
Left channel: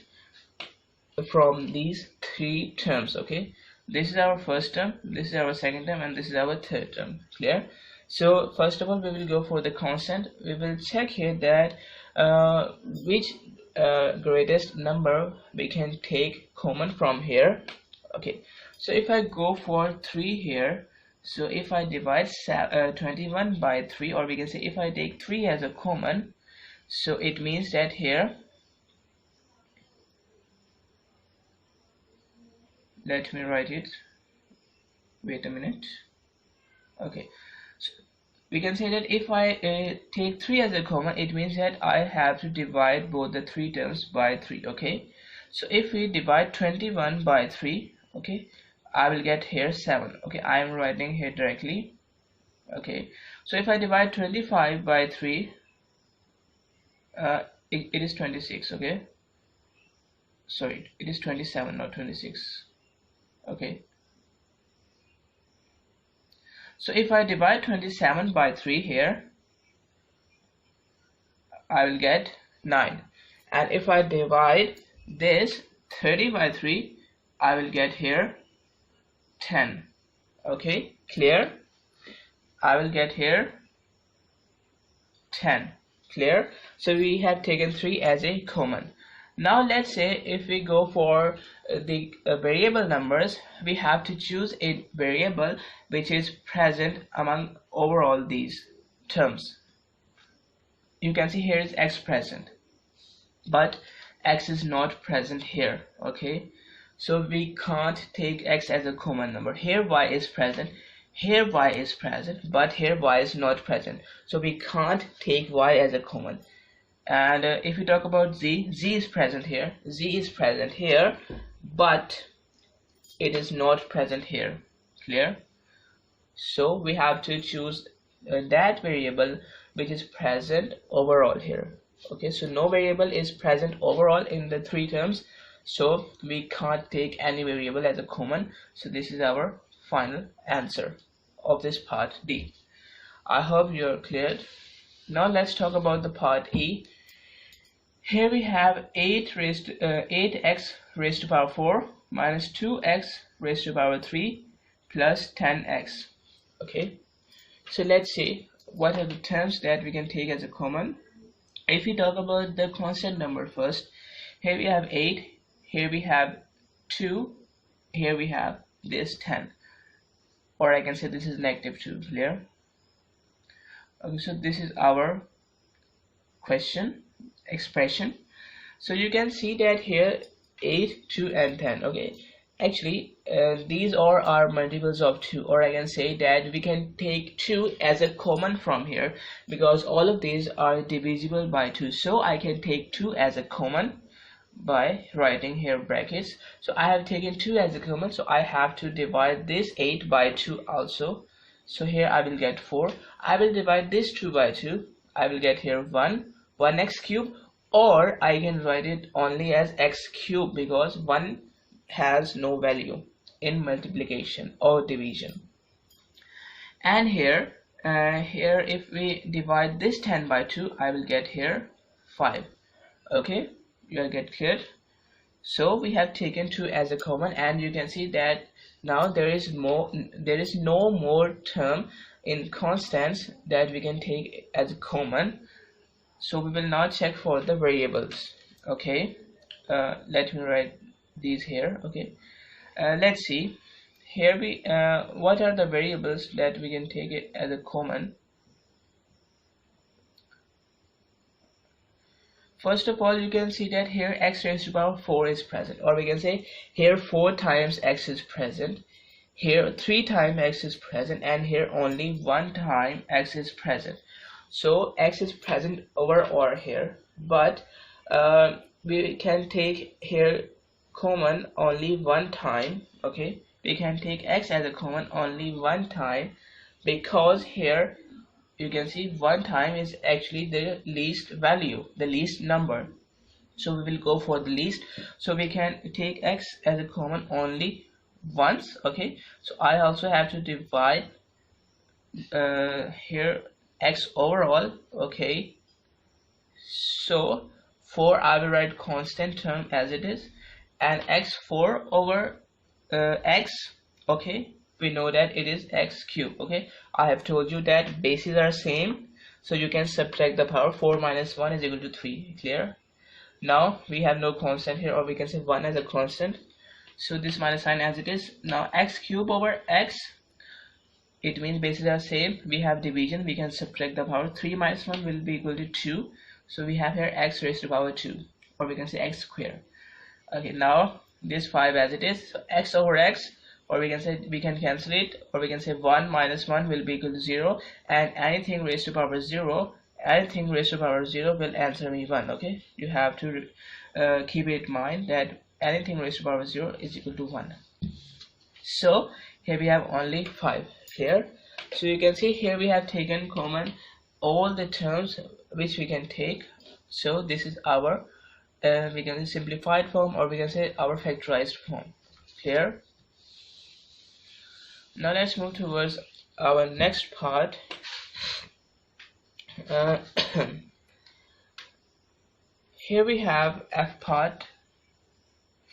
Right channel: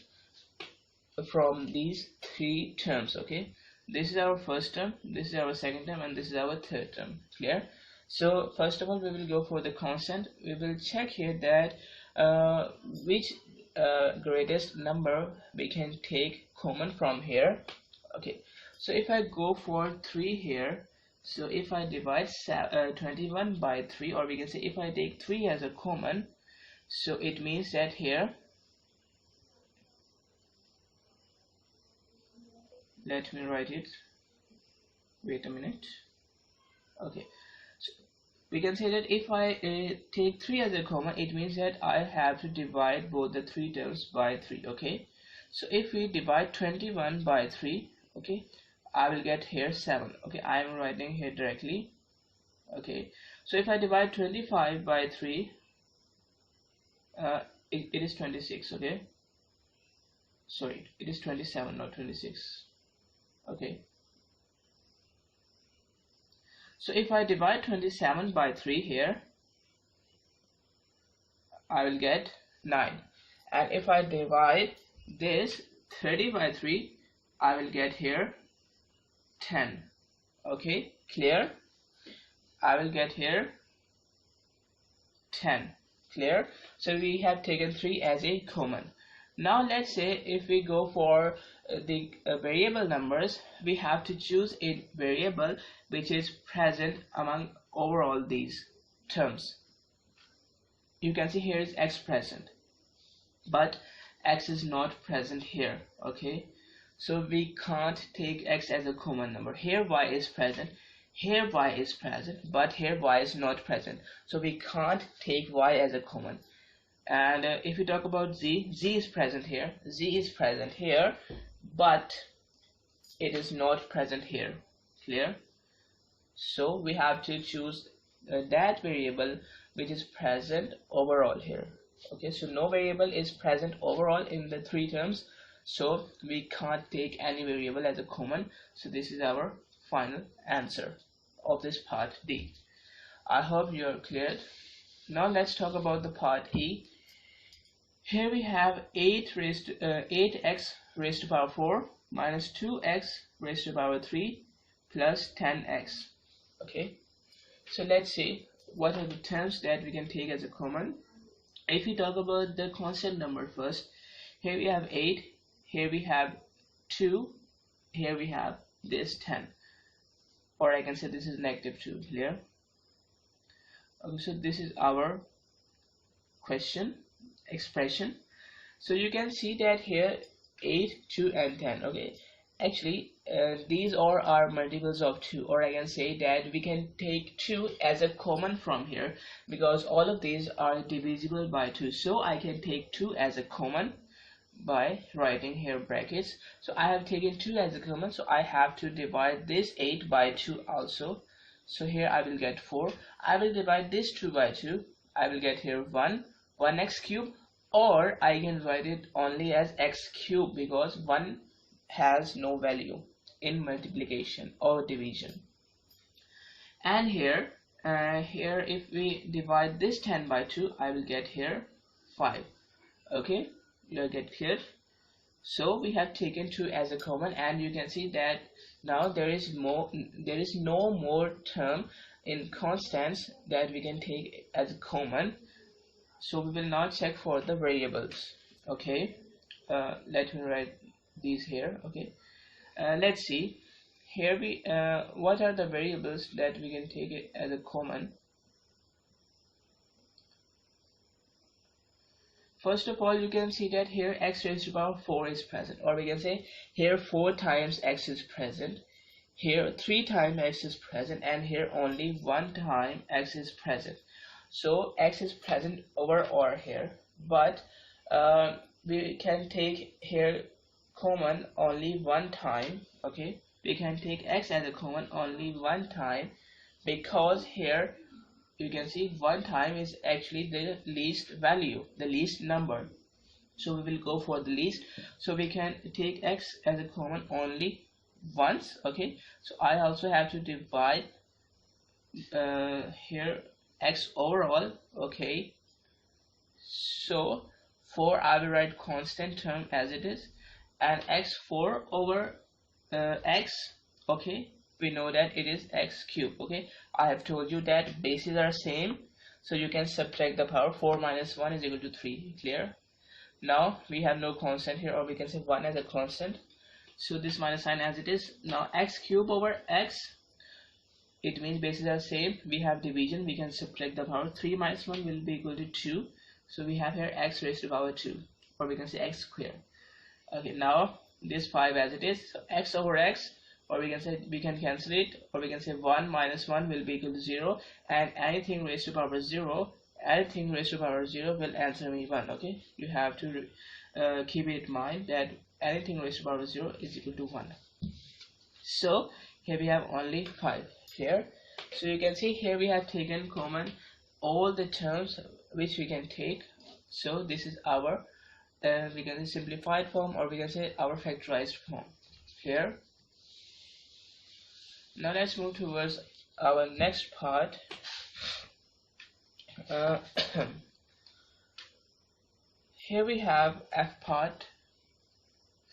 from these three terms. Okay, this is our first term, this is our second term, and this is our third term. Clear? So first of all, we will go for the constant. We will check here that which greatest number we can take common from here. Okay, so if I go for 3 here, so if I divide 21 by 3, or we can say if I take 3 as a common, so it means that here, let me write it, wait a minute. Okay, so we can say that if I take 3 as a common, it means that I have to divide both the 3 terms by 3. Okay, so if we divide 21 by 3, okay, I will get here 7. Okay, I am writing here directly. Okay, so if I divide 25 by 3, it is 26. Okay, sorry, it is 27, not 26. Okay, so if I divide 27 by 3 here, I will get 9, and if I divide this 30 by 3, I will get here 10. Okay, clear? I will get here 10. Clear? So we have taken 3 as a common. Now let's say if we go for the variable numbers, we have to choose a variable which is present among overall these terms. You can see here is x present, but x is not present here. Okay, so we can't take x as a common number. Here y is present, here y is present, but here y is not present, so we can't take y as a common. And if we talk about z is present here, z is present here, but it is not present here. Clear? So we have to choose that variable which is present overall here. Okay, so no variable is present overall in the three terms, so we can't take any variable as a common. So this is our final answer of this part D. I hope you're clear. Now let's talk about the part E. Here we have 8x raised to power 4 minus 2x raised to power 3 plus 10x. Okay, so let's see what are the terms that we can take as a common. If we talk about the constant number first, here we have 8, here we have 2, here we have this 10, or I can say this is negative 2. Clear? Okay, so this is our expression. So you can see that here 8, 2 and 10. Okay, actually these are our multiples of 2, or I can say that we can take 2 as a common from here, because all of these are divisible by 2. So I can take 2 as a common by writing here brackets. So I have taken 2 as a common, so I have to divide this 8 by 2 also. So here I will get 4. I will divide this 2 by 2. I will get here 1x cube, or I can write it only as x cube because 1 has no value in multiplication or division. And here if we divide this 10 by 2, I will get here 5. Okay, you will get clear. So we have taken 2 as a common, and you can see that now there is no more term in constants that we can take as a common. So we will now check for the variables. Okay, let me write these here. Okay, let's see here what are the variables that we can take it as a common. First of all, you can see that here x raised to power 4 is present, or we can say here 4 times x is present, here 3 times x is present, and here only 1 time x is present. So x is present over or here, but we can take here common only 1 time. Okay, we can take x as a common only 1 time, because here you can see 1 time is actually the least value, the least number. So we will go for the least. So we can take x as a common only once. Okay, so I also have to divide here x overall. Okay, so 4 I will write constant term as it is, and x4 over x. Okay, we know that it is x cube. Okay, I have told you that bases are same, so you can subtract the power. 4 minus 1 is equal to 3. Clear? Now we have no constant here, or we can say 1 as a constant, so this minus sign as it is. Now x cube over x, it means bases are same. We have division, we can subtract the power. 3 minus 1 will be equal to 2, so we have here x raised to power 2, or we can say x square. Okay, now this 5 as it is, so x over x, or we can say we can cancel it, or we can say 1 minus 1 will be equal to 0, and anything raised to power 0, anything raised to power 0 will answer me 1. Okay, you have to keep it in mind that anything raised to power 0 is equal to 1. So here we have only 5 here. So you can see here we have taken common all the terms which we can take. So this is our we can say simplified form, or we can say our factorized form. Clear? Now let's move towards our next part. Here we have f part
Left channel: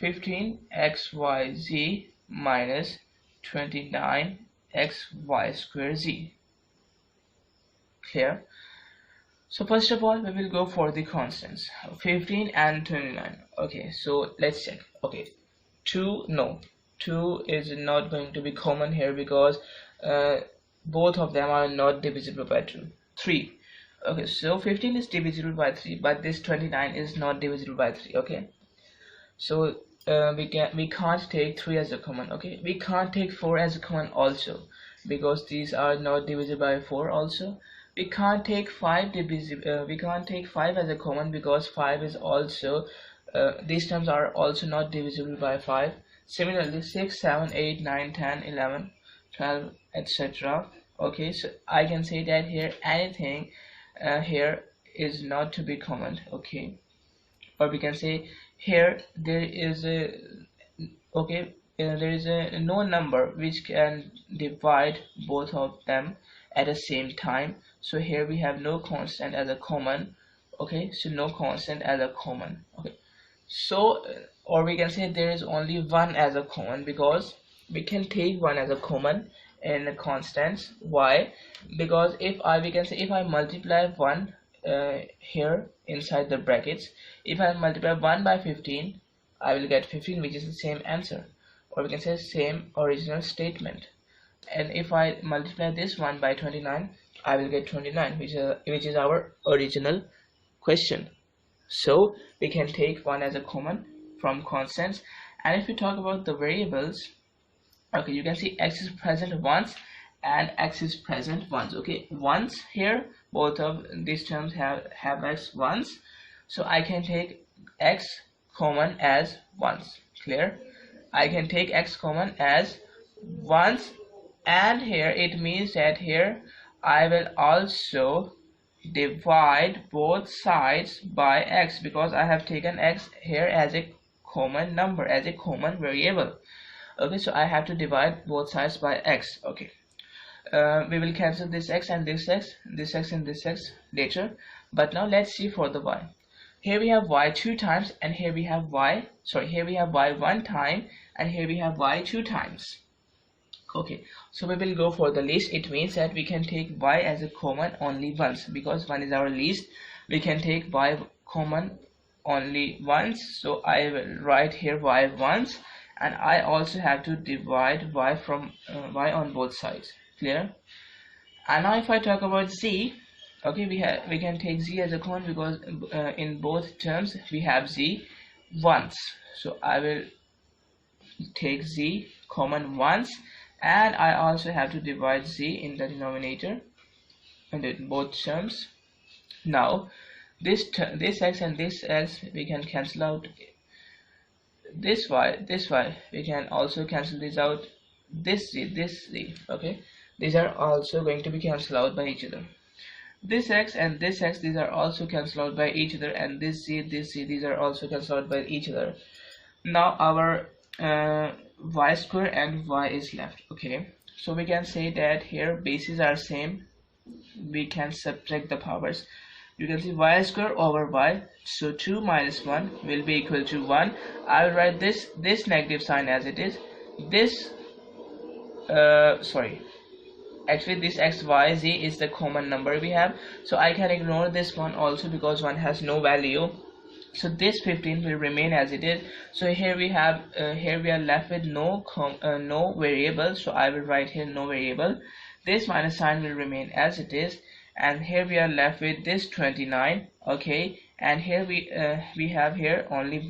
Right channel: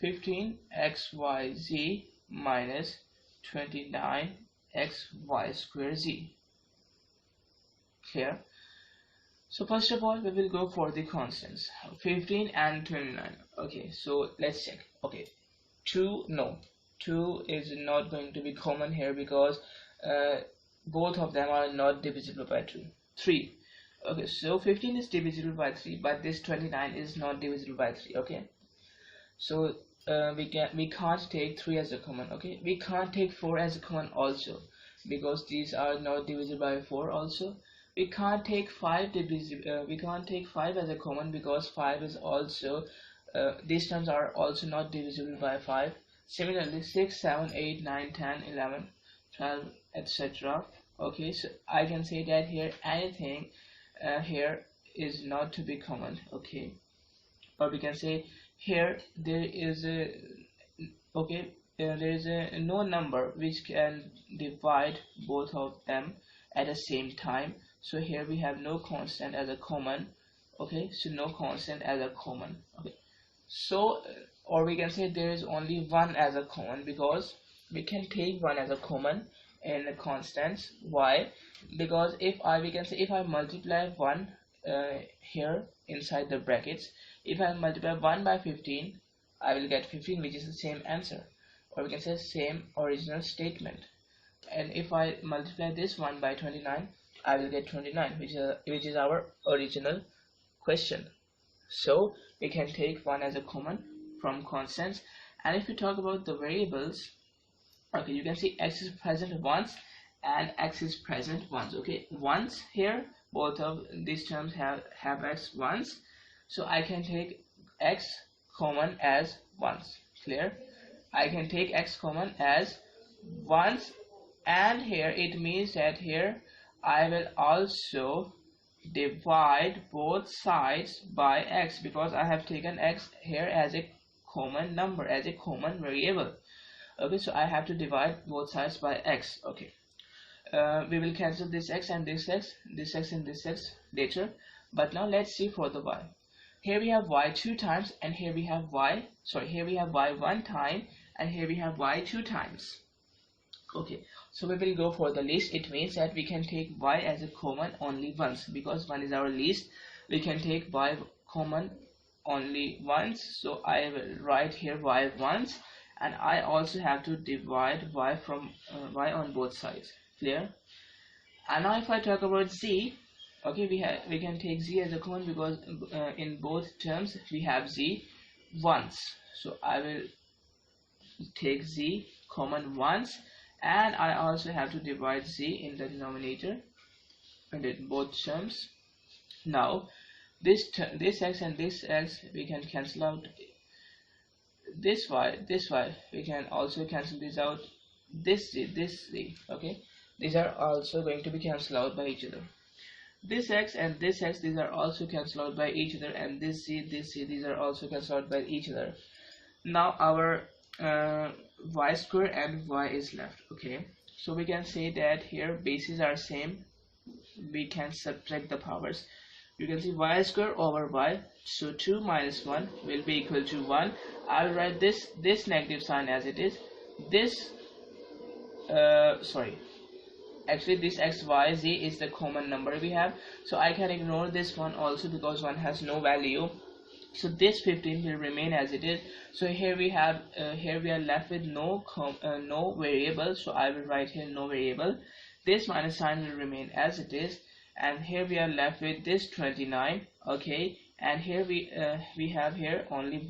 15xyz minus 29xy square z. Clear? So first of all, we will go for the constants, 15 and 29. Okay, so let's check. Okay, 2, no, 2 is not going to be common here because both of them are not divisible by 2. 3, okay, so 15 is divisible by 3, but this 29 is not divisible by 3. Okay, so we can't take 3 as a common. Okay, we can't take 4 as a common also because these are not divisible by 4 also. We can't take 5 we can't take 5 as a common because 5 is also these terms are also not divisible by 5. Similarly 6, 7, 8, 9, 10, 11, 12, etc. Okay, so I can say that here anything here is not to be common. Okay, or we can say here there is a okay there is a no number which can divide both of them at the same time. So here we have no constant as a common. Okay, so no constant as a common. Okay, so or we can say there is only one as a common because we can take one as a common in the constants. Why? Because if I we can say if I multiply 1 here inside the brackets, if I multiply 1 by 15, I will get 15, which is the same answer, or we can say same original statement. And if I multiply this 1 by 29, I will get 29, which is our original question. So we can take 1 as a common from constants. And if we talk about the variables, okay, you can see x is present once and x is present once. Okay, once here, both of these terms have x once, so I can take x common as once. Clear? I can take x common as once, and here it means that here I will also divide both sides by x because I have taken x here as a common number, as a common variable. Okay, so I have to divide both sides by x. Okay, we will cancel this x and this x, this x and this x later, but now let's see for the y. Here we have y 2 times, and here we have y, sorry, here we have y 1 time, and here we have y 2 times. Okay, so we will go for the least. It means that we can take y as a common only once because 1 is our least. We can take y common only once, so I will write here y once, and I also have to divide y from y on both sides. Clear? And now if I talk about z, okay, we can take z as a common because in both terms we have z once, so I will take z common once, and I also have to divide z in the denominator and in both terms. Now this x and this x we can cancel out. This y we can also cancel this out. This z, okay, these are also going to be cancelled out by each other. This x and this x, these are also cancelled out by each other, and this z, these are also cancelled out by each other. Now our y square and y is left. Okay, so we can say that here bases are same, we can subtract the powers. You can see y square over y, so 2 minus 1 will be equal to 1. I will write this negative sign as it is. This actually this x y z is the common number we have, so I can ignore this one also because one has no value. So this 15 will remain as it is. So here we have here we are left with no variable, so I will write here no variable. This minus sign will remain as it is, and here we are left with this 29. Okay, and here we have here only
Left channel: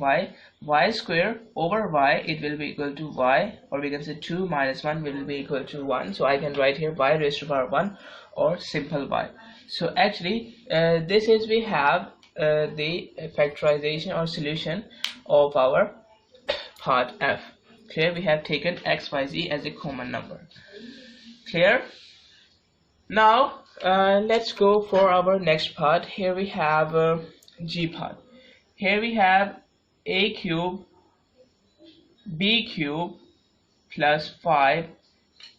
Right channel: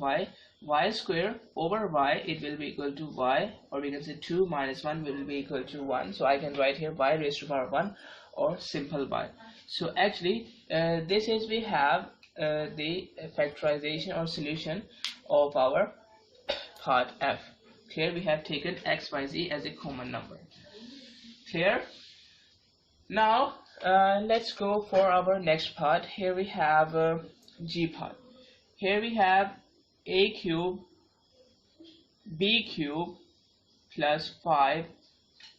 y square over y, it will be equal to y, or we can say 2 minus 1 will be equal to 1, so I can write here y raised to power 1 or simple y. So actually this is we have the factorization or solution of our part F. Clear? We have taken x, y, z as a common number. Clear? Now let's go for our next part. Here we have G part. Here we have a cube b cube plus 5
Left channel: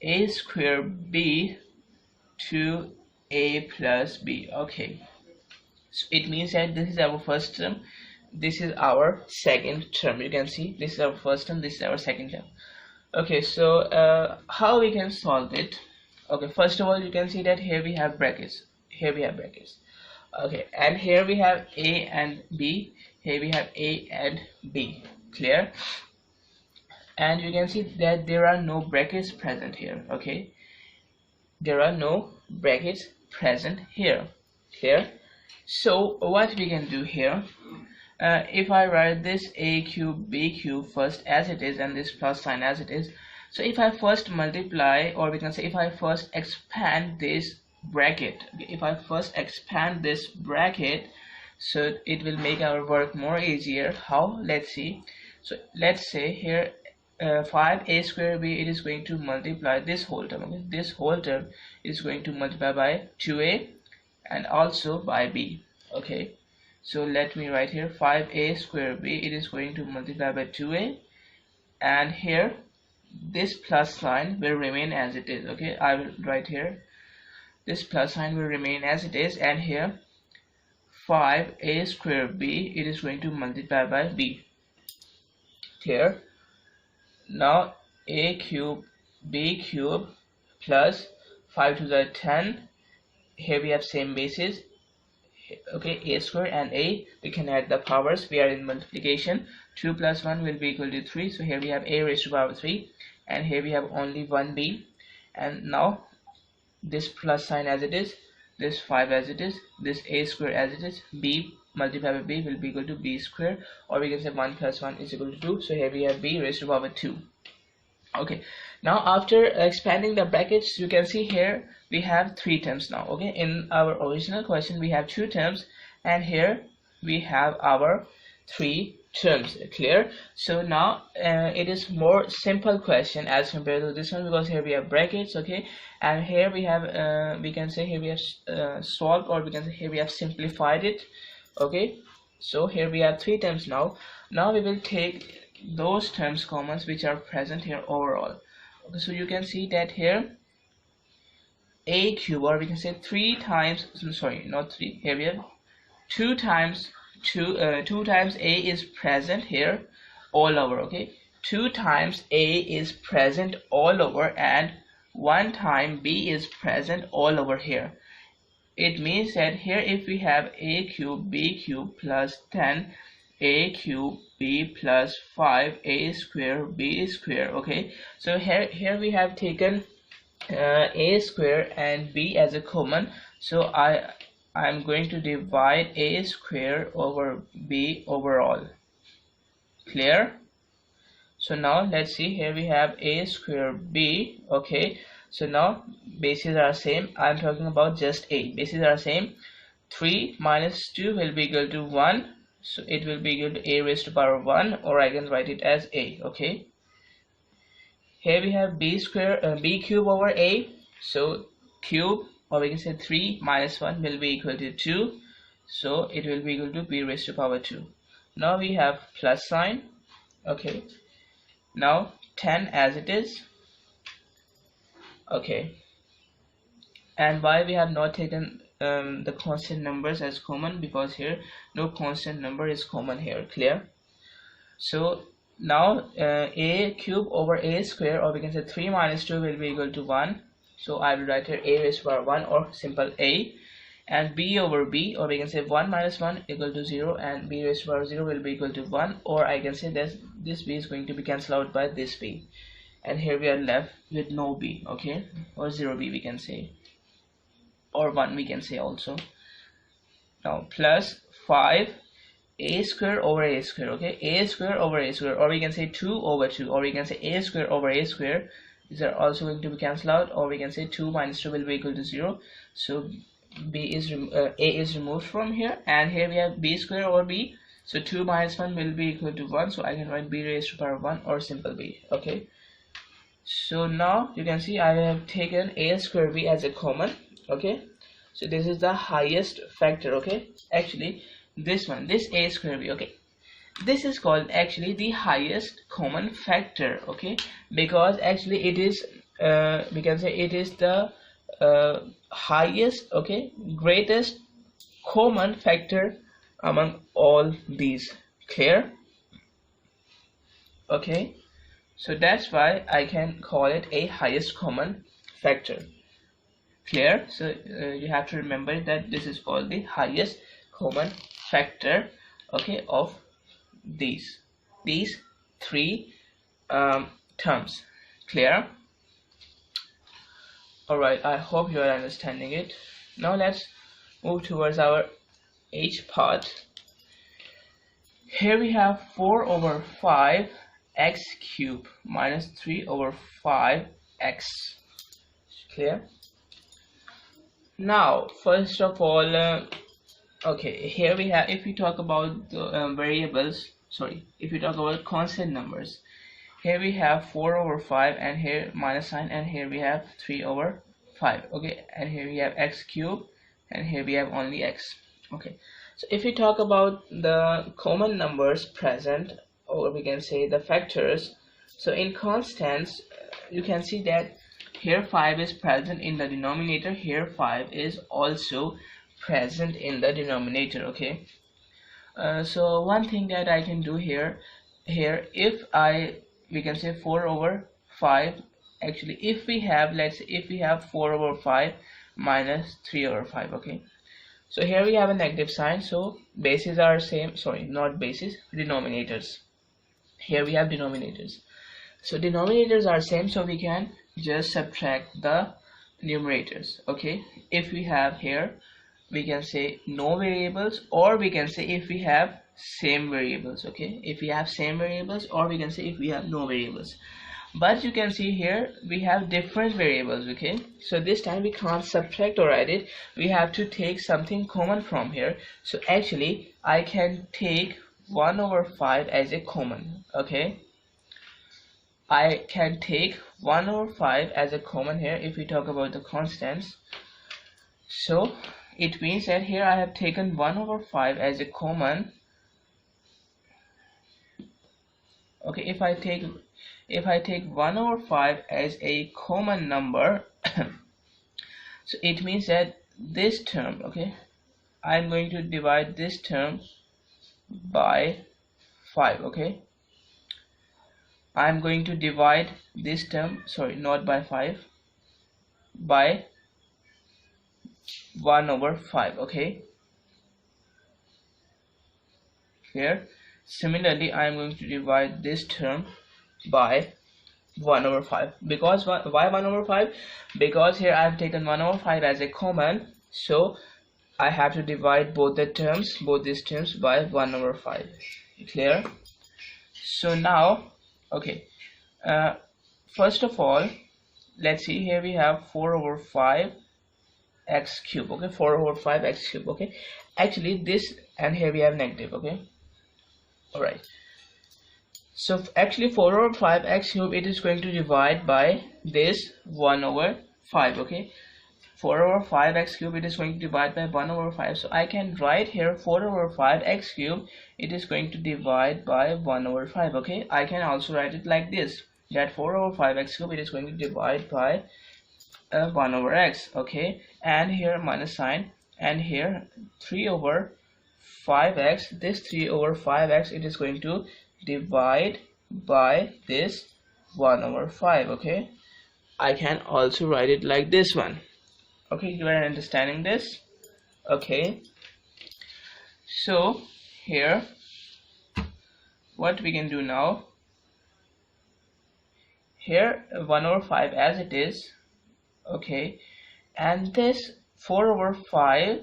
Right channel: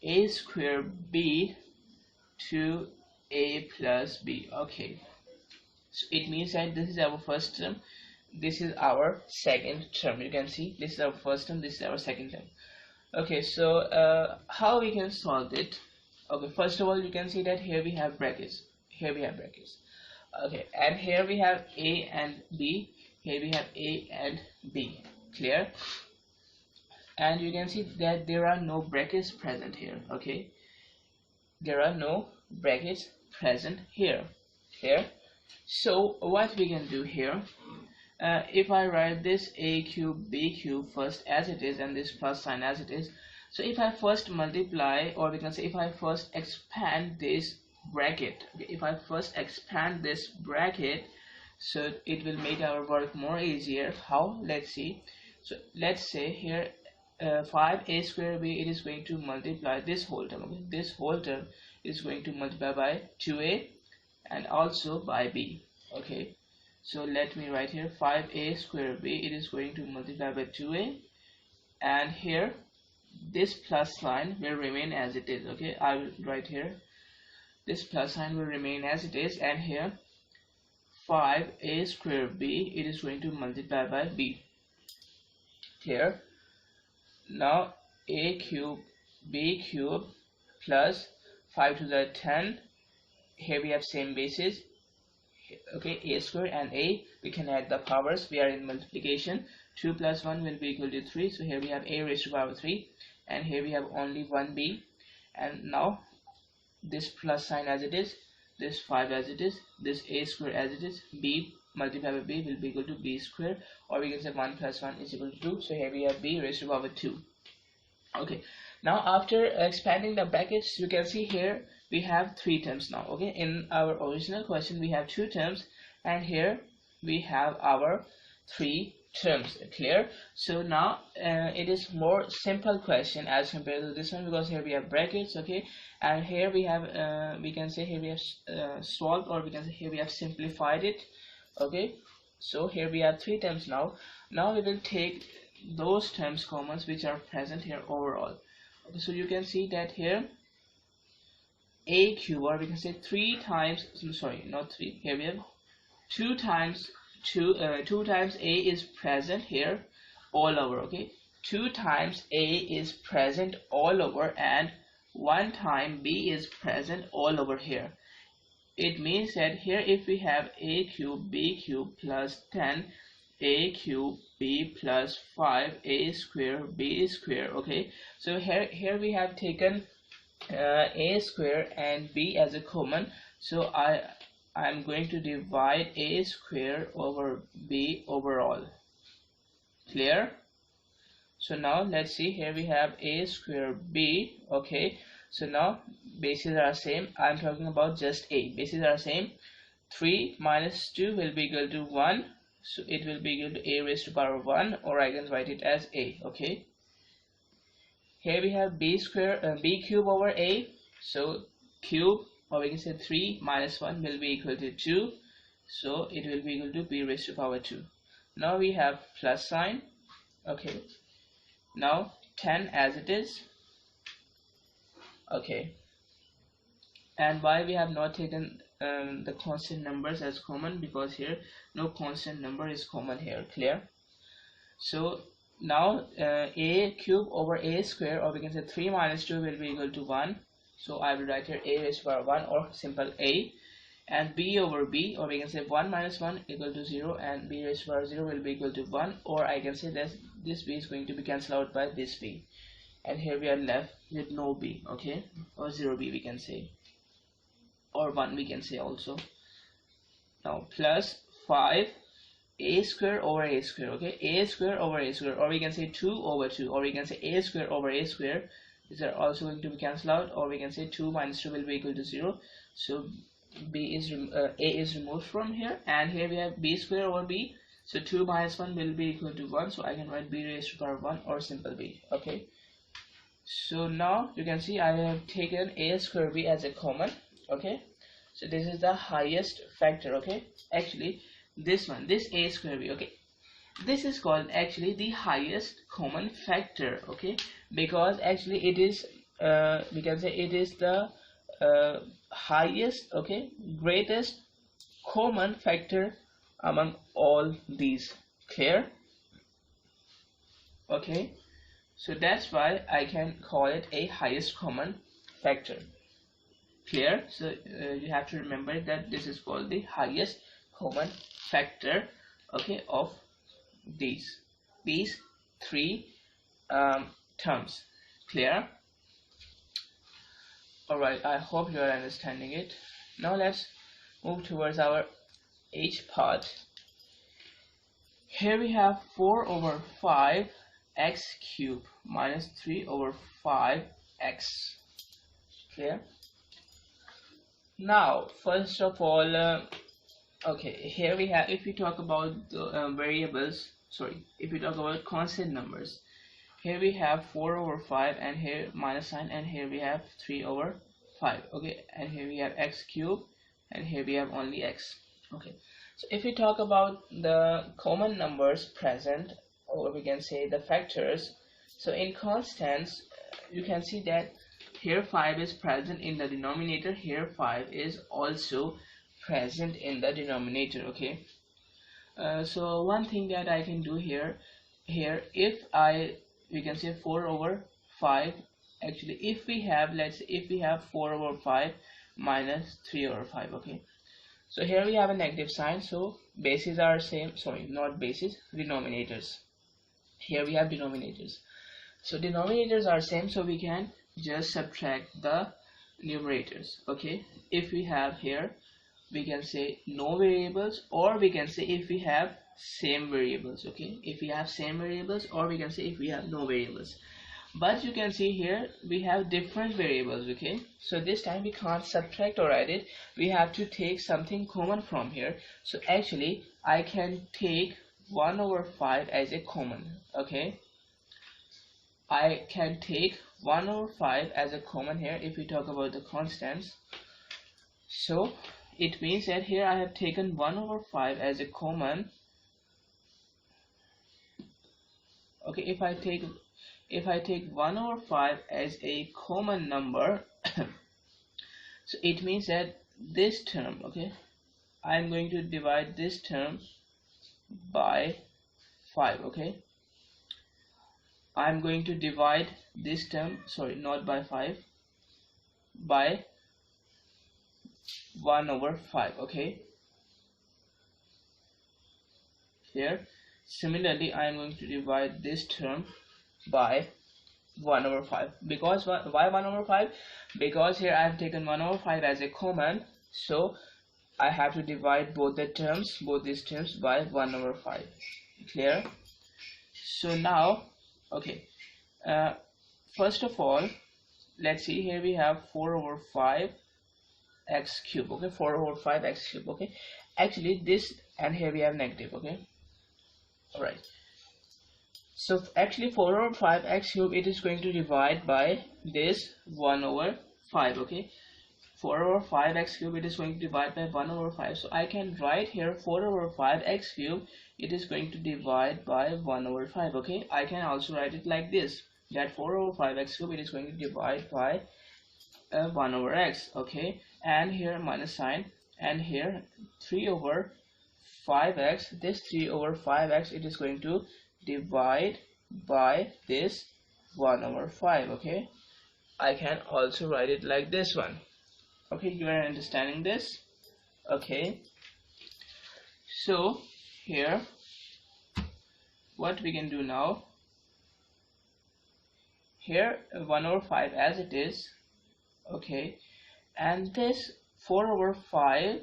a square b to a plus b. Okay, so it means that this is our first term, this is our second term. You can see this is our first term, this is our second term. Okay, so how we can solve it? Okay, first of all, you can see that here we have brackets, here we have brackets. Okay, and here we have a and b, here we have a and b. Clear? And you can see that there are no brackets present here. Okay, there are no brackets present here. Clear? So what we can do here, if I write this a cube b cube first as it is and this plus sign as it is, so if I first multiply, or we can say if I first expand this bracket, if I first expand this bracket, so it will make our work more easier. How? Let's see. So let's say here 5a square b, it is going to multiply this whole term. Okay? This whole term is going to multiply by 2a and also by b. Okay, so let me write here 5a square b, it is going to multiply by 2a, and here this plus sign will remain as it is. Okay, I will write here this plus sign will remain as it is, and here 5a square b, it is going to multiply by b. Clear? Now a cube b cube plus 5 to the 10, here we have same basis. Okay, a square and a, we can add the powers, we are in multiplication. 2 plus 1 will be equal to 3, so here we have a raised to the power 3, and here we have only 1b. And now this plus sign as it is, this 5 as it is, this a square as it is, b multiplied by b will be equal to b square, or we can say 1 plus 1 is equal to 2, so here we have b raised to the power 2. Okay, now after expanding the brackets, you can see here we have 3 terms now. Okay, in our original question we have 2 terms, and here we have our 3 terms. Clear? So now it is more simple question as compared to this one, because here we have brackets. Okay, and here we have we can say here we have solved, or we can say here we have simplified it. Okay, so here we have 3 terms now. Now we will take those terms commons which are present here overall. Okay, so you can see that here a cube, or we can say 3 times, sorry, not 3, here we have 2 times 2 times a is present here all over. Okay, 2 times a is present all over, and 1 time b is present all over here. It means that here if we have a cube b cube plus 10 a cube b plus 5 a square b square. Okay, so here we have taken a square and b as a common, so I'm going to divide a square over b overall. Clear? So now let's see, here we have a square b. Okay, so now bases are same. I'm talking about just a. Bases are same. 3 minus 2 will be equal to 1, so it will be equal to a raised to power 1, or I can write it as a. Okay, here we have b square b cube over a, so cube, or we can say 3 minus 1 will be equal to 2, so it will be equal to b raised to power 2. Now we have plus sign. Okay, now 10 as it is. Okay, and why we have not taken the constant numbers as common? Because here no constant number is common here. Clear? So now a cube over a square, or we can say 3 minus 2 will be equal to 1, so I will write here a raised to power 1, or simple a, and b over b, or we can say 1 minus 1 equal to 0, and b raised to power 0 will be equal to 1, or I can say that this b is going to be cancelled out by this b, and here we are left with no b. Okay, or 0b we can say, or 1 we can say also. Now plus 5 a square over a square. Okay, a square over a square, or we can say 2 over 2, or we can say a square over a square. These are also going to be cancelled out, or we can say 2 minus 2 will be equal to 0, so b is a is removed from here, and here we have b square over b, so 2 minus 1 will be equal to 1, so I can write b raised to power 1, or simple b. Okay, so now you can see I have taken a square b as a common. Okay, so this is the highest factor. Okay, actually this one, this a square b, okay, this is called actually the highest common factor. Okay, because actually it is we can say it is the highest, okay, greatest common factor among all these. Clear? Okay, so that's why I can call it a highest common factor. Clear? So you have to remember that this is called the highest common factor, okay, of these three terms. Clear? Alright, I hope you are understanding it. Now let's move towards our H part. Here we have 4 over 5 x cube minus 3 over 5 x. Clear? Now first of all, okay, here we have, if we talk about the variables, sorry, if we talk about constant numbers, here we have 4 over 5 and here minus sign, and here we have 3 over 5, okay, and here we have x cube and here we have only x. Okay, so if we talk about the common numbers present, or we can say the factors, so in constants you can see that here 5 is present in the denominator, here 5 is also present in the denominator. Okay, so one thing that I can do here, if we can say 4 over 5, actually if we have, let's say if we have 4 over 5 minus 3 over 5, okay, so here we have a negative sign, so bases are same, sorry, not bases, denominators. Here we have denominators, so denominators are same, so we can just subtract the numerators. Okay, if we have here, we can say no variables, or we can say if we have same variables. Okay, if we have same variables, or we can say if we have no variables. But you can see here we have different variables. Okay, so this time we can't subtract or add it, we have to take something common from here. So actually I can take 1 over 5 as a common. Okay, I can take 1 over 5 as a common here if we talk about the constants. So it means that here I have taken 1 over 5 as a common. Okay, if I take 1 over 5 as a common number, so it means that this term, okay, I'm going to divide this term by 5. Okay, I'm going to divide this term, sorry, not by 5, by 1 over 5. Okay, here similarly I am going to divide this term by 1 over 5. Because why 1 over 5? Because here I have taken 1 over 5 as a common, so I have to divide both these terms by 1 over 5. Clear? So now, okay, first of all, let's see, here we have 4 over 5 x cube. Okay, 4 over 5 x cube. Okay, actually this, and here we have negative. Okay, all right, so actually 4 over 5 x cube, it is going to divide by this 1 over 5. Okay, 4 over 5 x cube, it is going to divide by 1 over 5. So I can write here 4 over 5 x cube, it is going to divide by 1 over 5. Okay, I can also write it like this, that 4 over 5 x cube, it is going to divide by 1 over x. Okay, and here minus sign, and here 3 over 5x, this 3 over 5x, it is going to divide by this 1 over 5. Okay, I can also write it like this one. Okay, you are understanding this? Okay, so here what we can do now, here 1 over 5 as it is. Okay, and this 4 over 5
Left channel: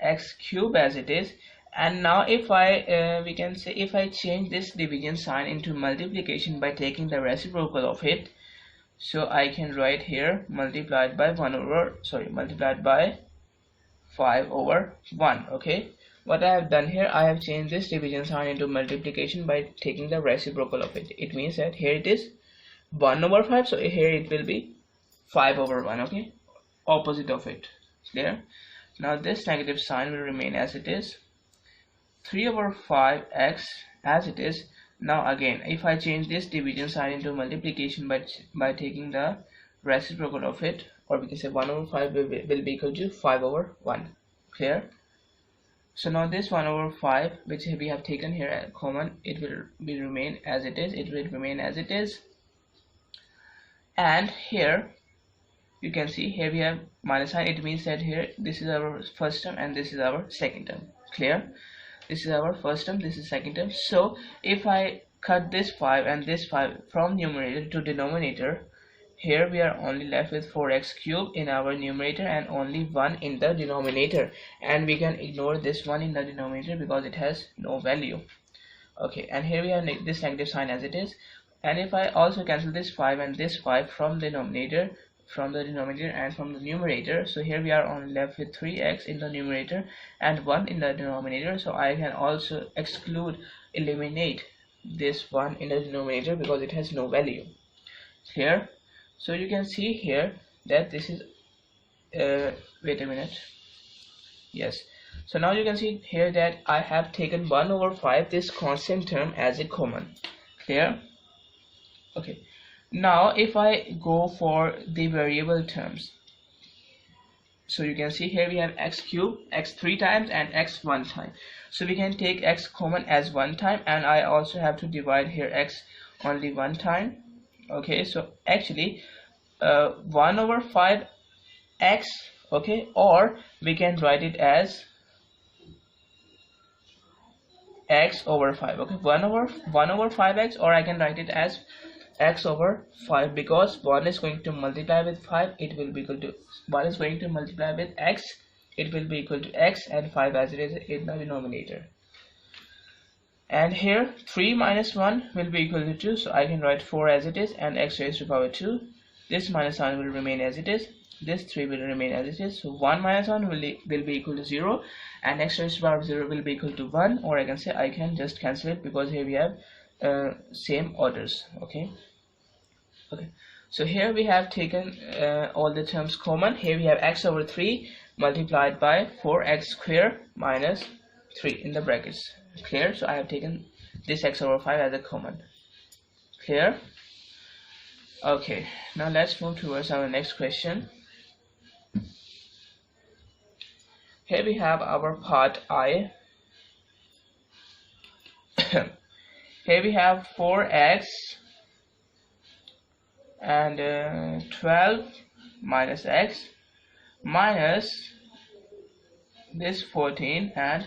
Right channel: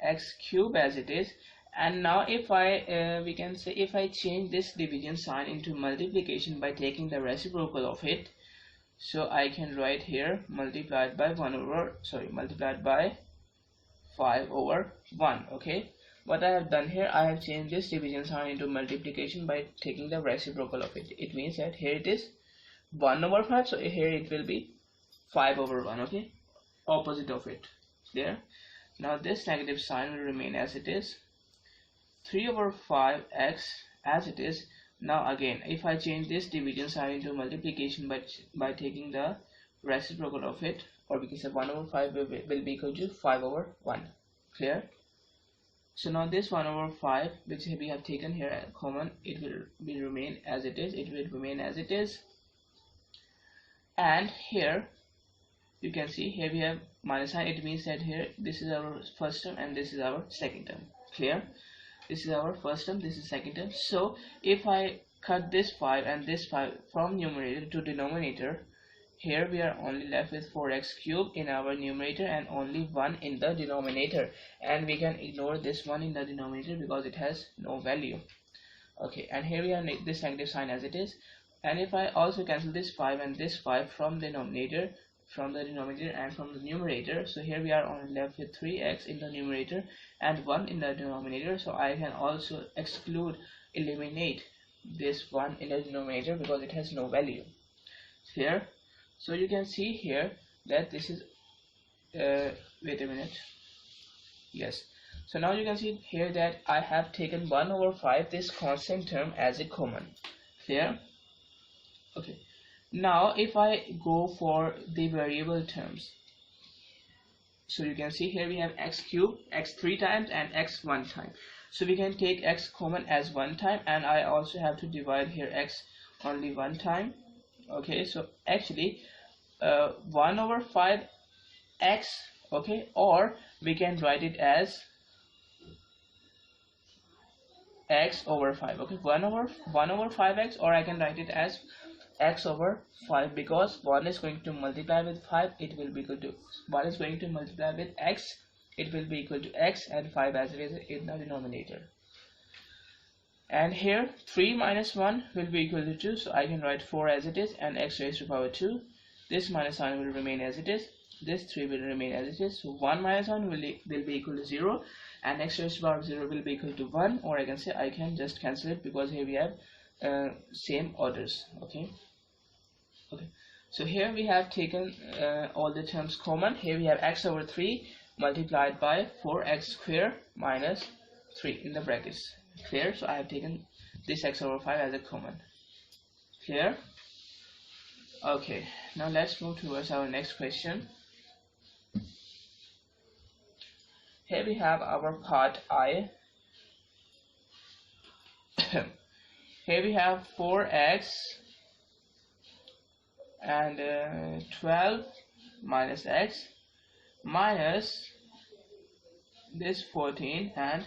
x cube as it is. And now if I we can say if I change this division sign into multiplication by taking the reciprocal of it, so I can write here multiplied by 5 over 1. Okay, what I have done here, I have changed this division sign into multiplication by taking the reciprocal of it. It means that here it is 1 over 5, so here it will be 5 over 1. Okay, opposite of it. Clear? Now this negative sign will remain as it is, 3 over 5x as it is. Now again, if I change this division sign into multiplication by taking the reciprocal of it, or we can say 1 over 5 will be equal to 5 over 1. Clear? So now this 1 over 5 which we have taken here as common, it will remain as it is. It will remain as it is. And here you can see here we have minus sign. It means that here this is our first term and this is our second term. Clear? This is our first term, this is second term. So if I cut this 5 and this 5 from numerator to denominator, here we are only left with 4x cubed in our numerator and only 1 in the denominator, and we can ignore this 1 in the denominator because it has no value. Okay, and here we have this negative sign as it is. And if I also cancel this 5 and this 5 from the denominator and from the numerator, so here we are only left with 3x in the numerator and 1 in the denominator. So I can also eliminate this 1 in the denominator because it has no value. Clear? So you can see here that this is wait a minute. Yes, so now you can see here that I have taken 1 over 5, this constant term, as a common. Clear? Okay, now if I go for the variable terms, so you can see here we have x cubed, x 3 times and x 1 time. So we can take x common as 1 time, and I also have to divide here x only 1 time. Okay, so actually 1 over 5 x, okay, or we can write it as x over 5. Okay, 1 over 5x, or I can write it as x over 5, because 1 is going to multiply with 5, it will be equal to 1 is going to multiply with x, it will be equal to x, and 5 as it is in the denominator. And here 3 minus 1 will be equal to 2, so I can write 4 as it is, and x raised to power 2. This minus 1 will remain as it is, this 3 will remain as it is, so 1 minus 1 will be equal to 0, and x raised to power 0 will be equal to 1, or I can say I can just cancel it because here we have same orders. Okay, so here we have taken all the terms common. Here we have x over 3 multiplied by 4x square minus 3 in the brackets. Clear? So I have taken this x over 5 as a common. Clear? Okay, now let's move towards our next question. Here we have our part I. Here we have 4x and 12 minus x minus this 14 and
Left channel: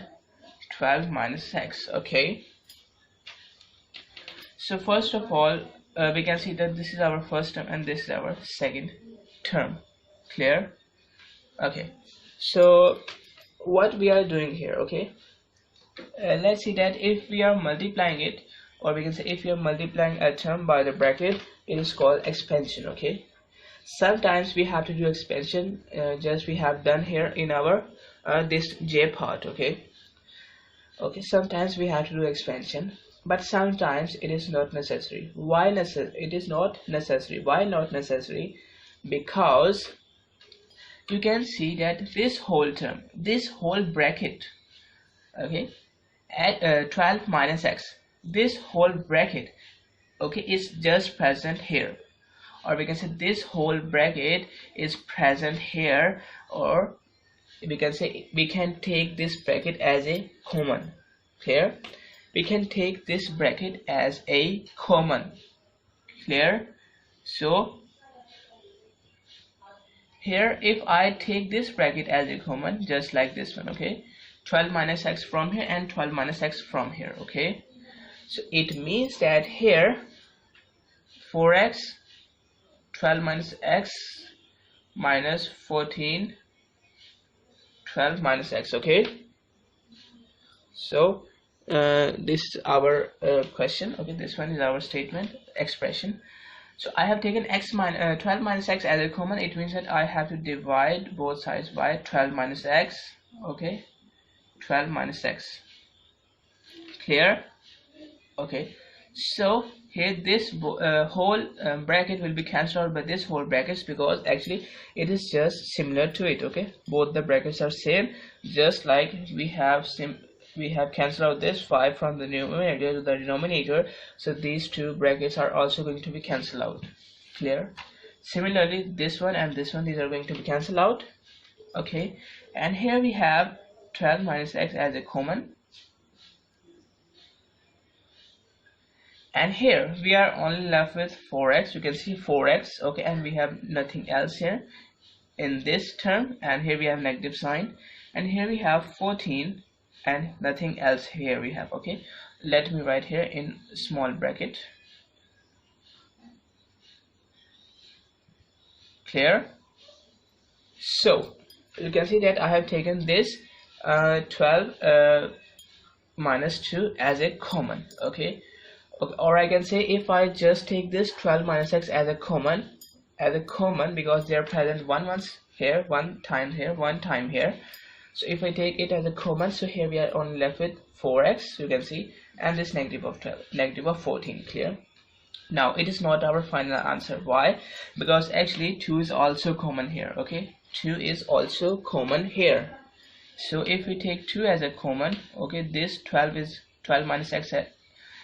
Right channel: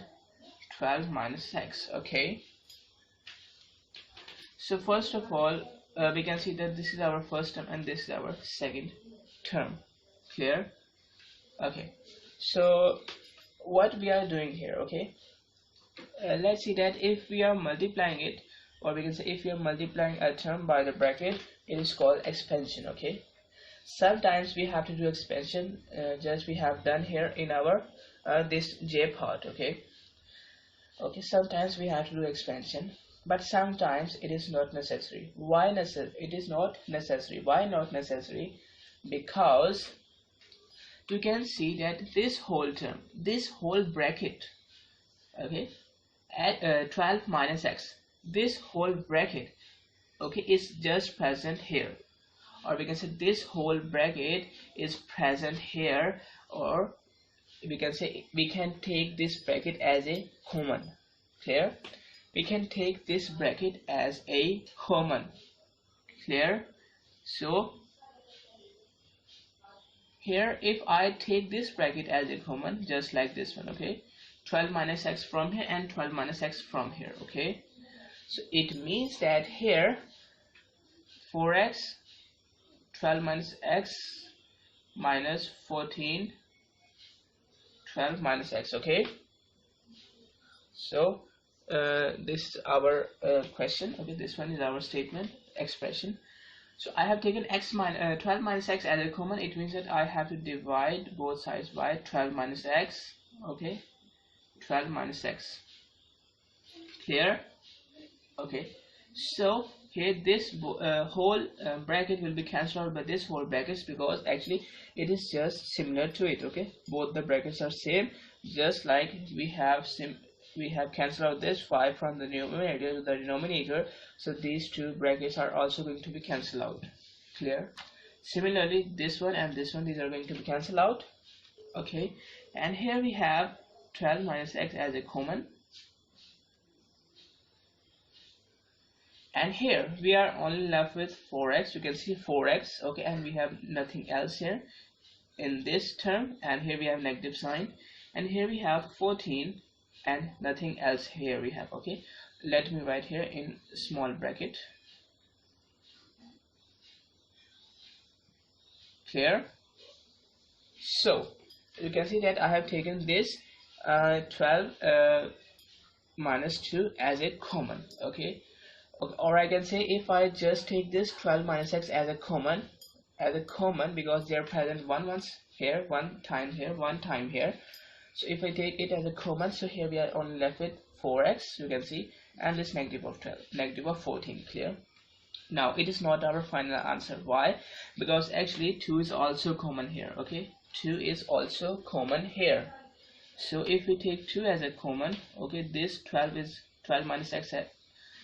12 minus x. Okay, so first of all we can see that this is our first term and this is our second term. Clear? Okay, so what we are doing here, okay, let's see that if we are multiplying it, or we can say if we are multiplying a term by the bracket, it is called expansion. Okay, sometimes we have to do expansion, just we have done here in our this j part. Okay, sometimes we have to do expansion, but sometimes it is not necessary. Why it is not necessary? Why not necessary? Because you can see that this whole term, this whole bracket, okay, at 12 minus x, this whole bracket, okay, is just present here, or we can say this whole bracket is present here, or we can say we can take this bracket as a common. Clear? We can take this bracket as a common. Clear? So here if I take this bracket as a common, just like this one, okay, 12 minus x from here and 12 minus x from here. Okay, so it means that here 4x 12 minus x minus 14 12 minus x. Okay, so this is our question. Okay, this one is our statement expression. So I have taken 12 minus x as a common. It means that I have to divide both sides by 12 minus x. Okay, 12 minus x. Clear? Okay, so here this whole bracket will be cancelled out by this whole brackets, because actually it is just similar to it. Okay, both the brackets are same, just like we have cancelled out this 5 from the numerator to the denominator, so these two brackets are also going to be cancelled out. Clear? Similarly, this one and this one, these are going to be cancelled out. Okay, and here we have 12 minus x as a common, and here we are only left with 4x. You can see 4x. Okay, and we have nothing else here, in this term, and here we have negative sign, and here we have 14 and nothing else here we have. Okay, let me write here in small bracket. Clear? So you can see that I have taken this 12 minus 2 as a common. Okay, or I can say if I just take this 12 minus x as a common, because they are present once here, one time here, one time here. So if I take it as a common, so here we are only left with 4x, you can see, and this negative of 12, negative of 14. Clear? Now it is not our final answer. Why? Because actually 2 is also common here. Okay, 2 is also common here. So if we take 2 as a common, okay, this 12 minus x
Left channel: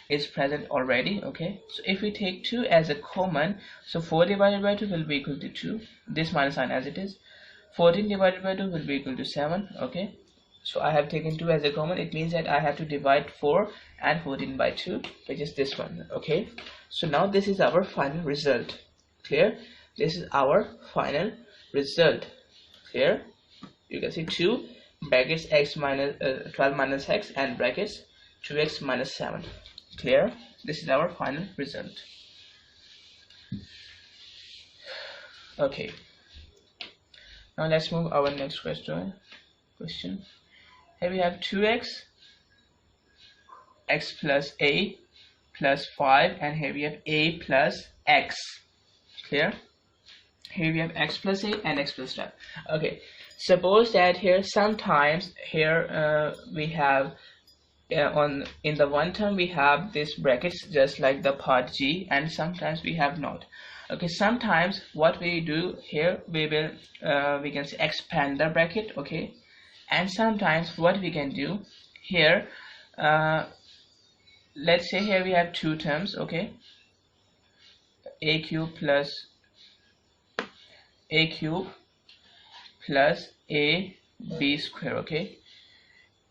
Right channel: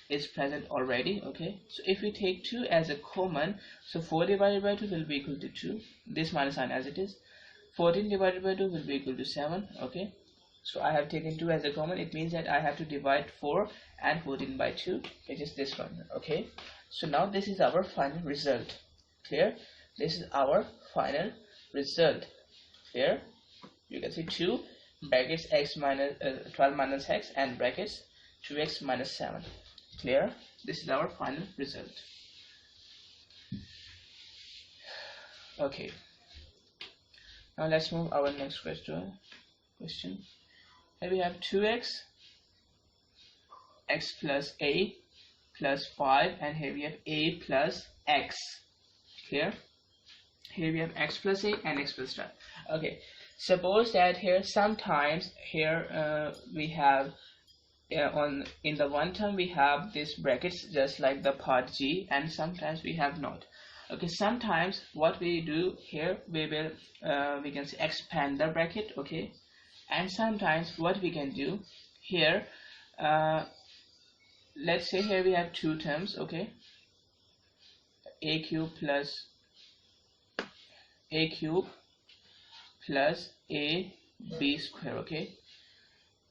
is present already. Okay, so if we take 2 as a common, so 4 divided by 2 will be equal to 2, this minus sign as it is. 14 divided by 2 will be equal to 7. Okay, so I have taken 2 as a common. It means that I have to divide 4 and 14 by 2, which is this one. Okay, so now this is our final result. Clear? This is our final result. Clear? You can see 2 brackets x minus 12 minus x and brackets 2x minus 7. Clear? This is our final result. Okay, now let's move our next question. Here we have 2x, x plus a plus 5, and here we have a plus x. Clear? Here we have x plus a and x plus 12. Okay, suppose that here sometimes here we have in the one term we have this brackets just like the part G, and sometimes we have not. Okay, sometimes what we do here, we will we can say expand the bracket. Okay, and sometimes what we can do here, let's say here we have two terms. Okay, a cube plus a b square. Okay,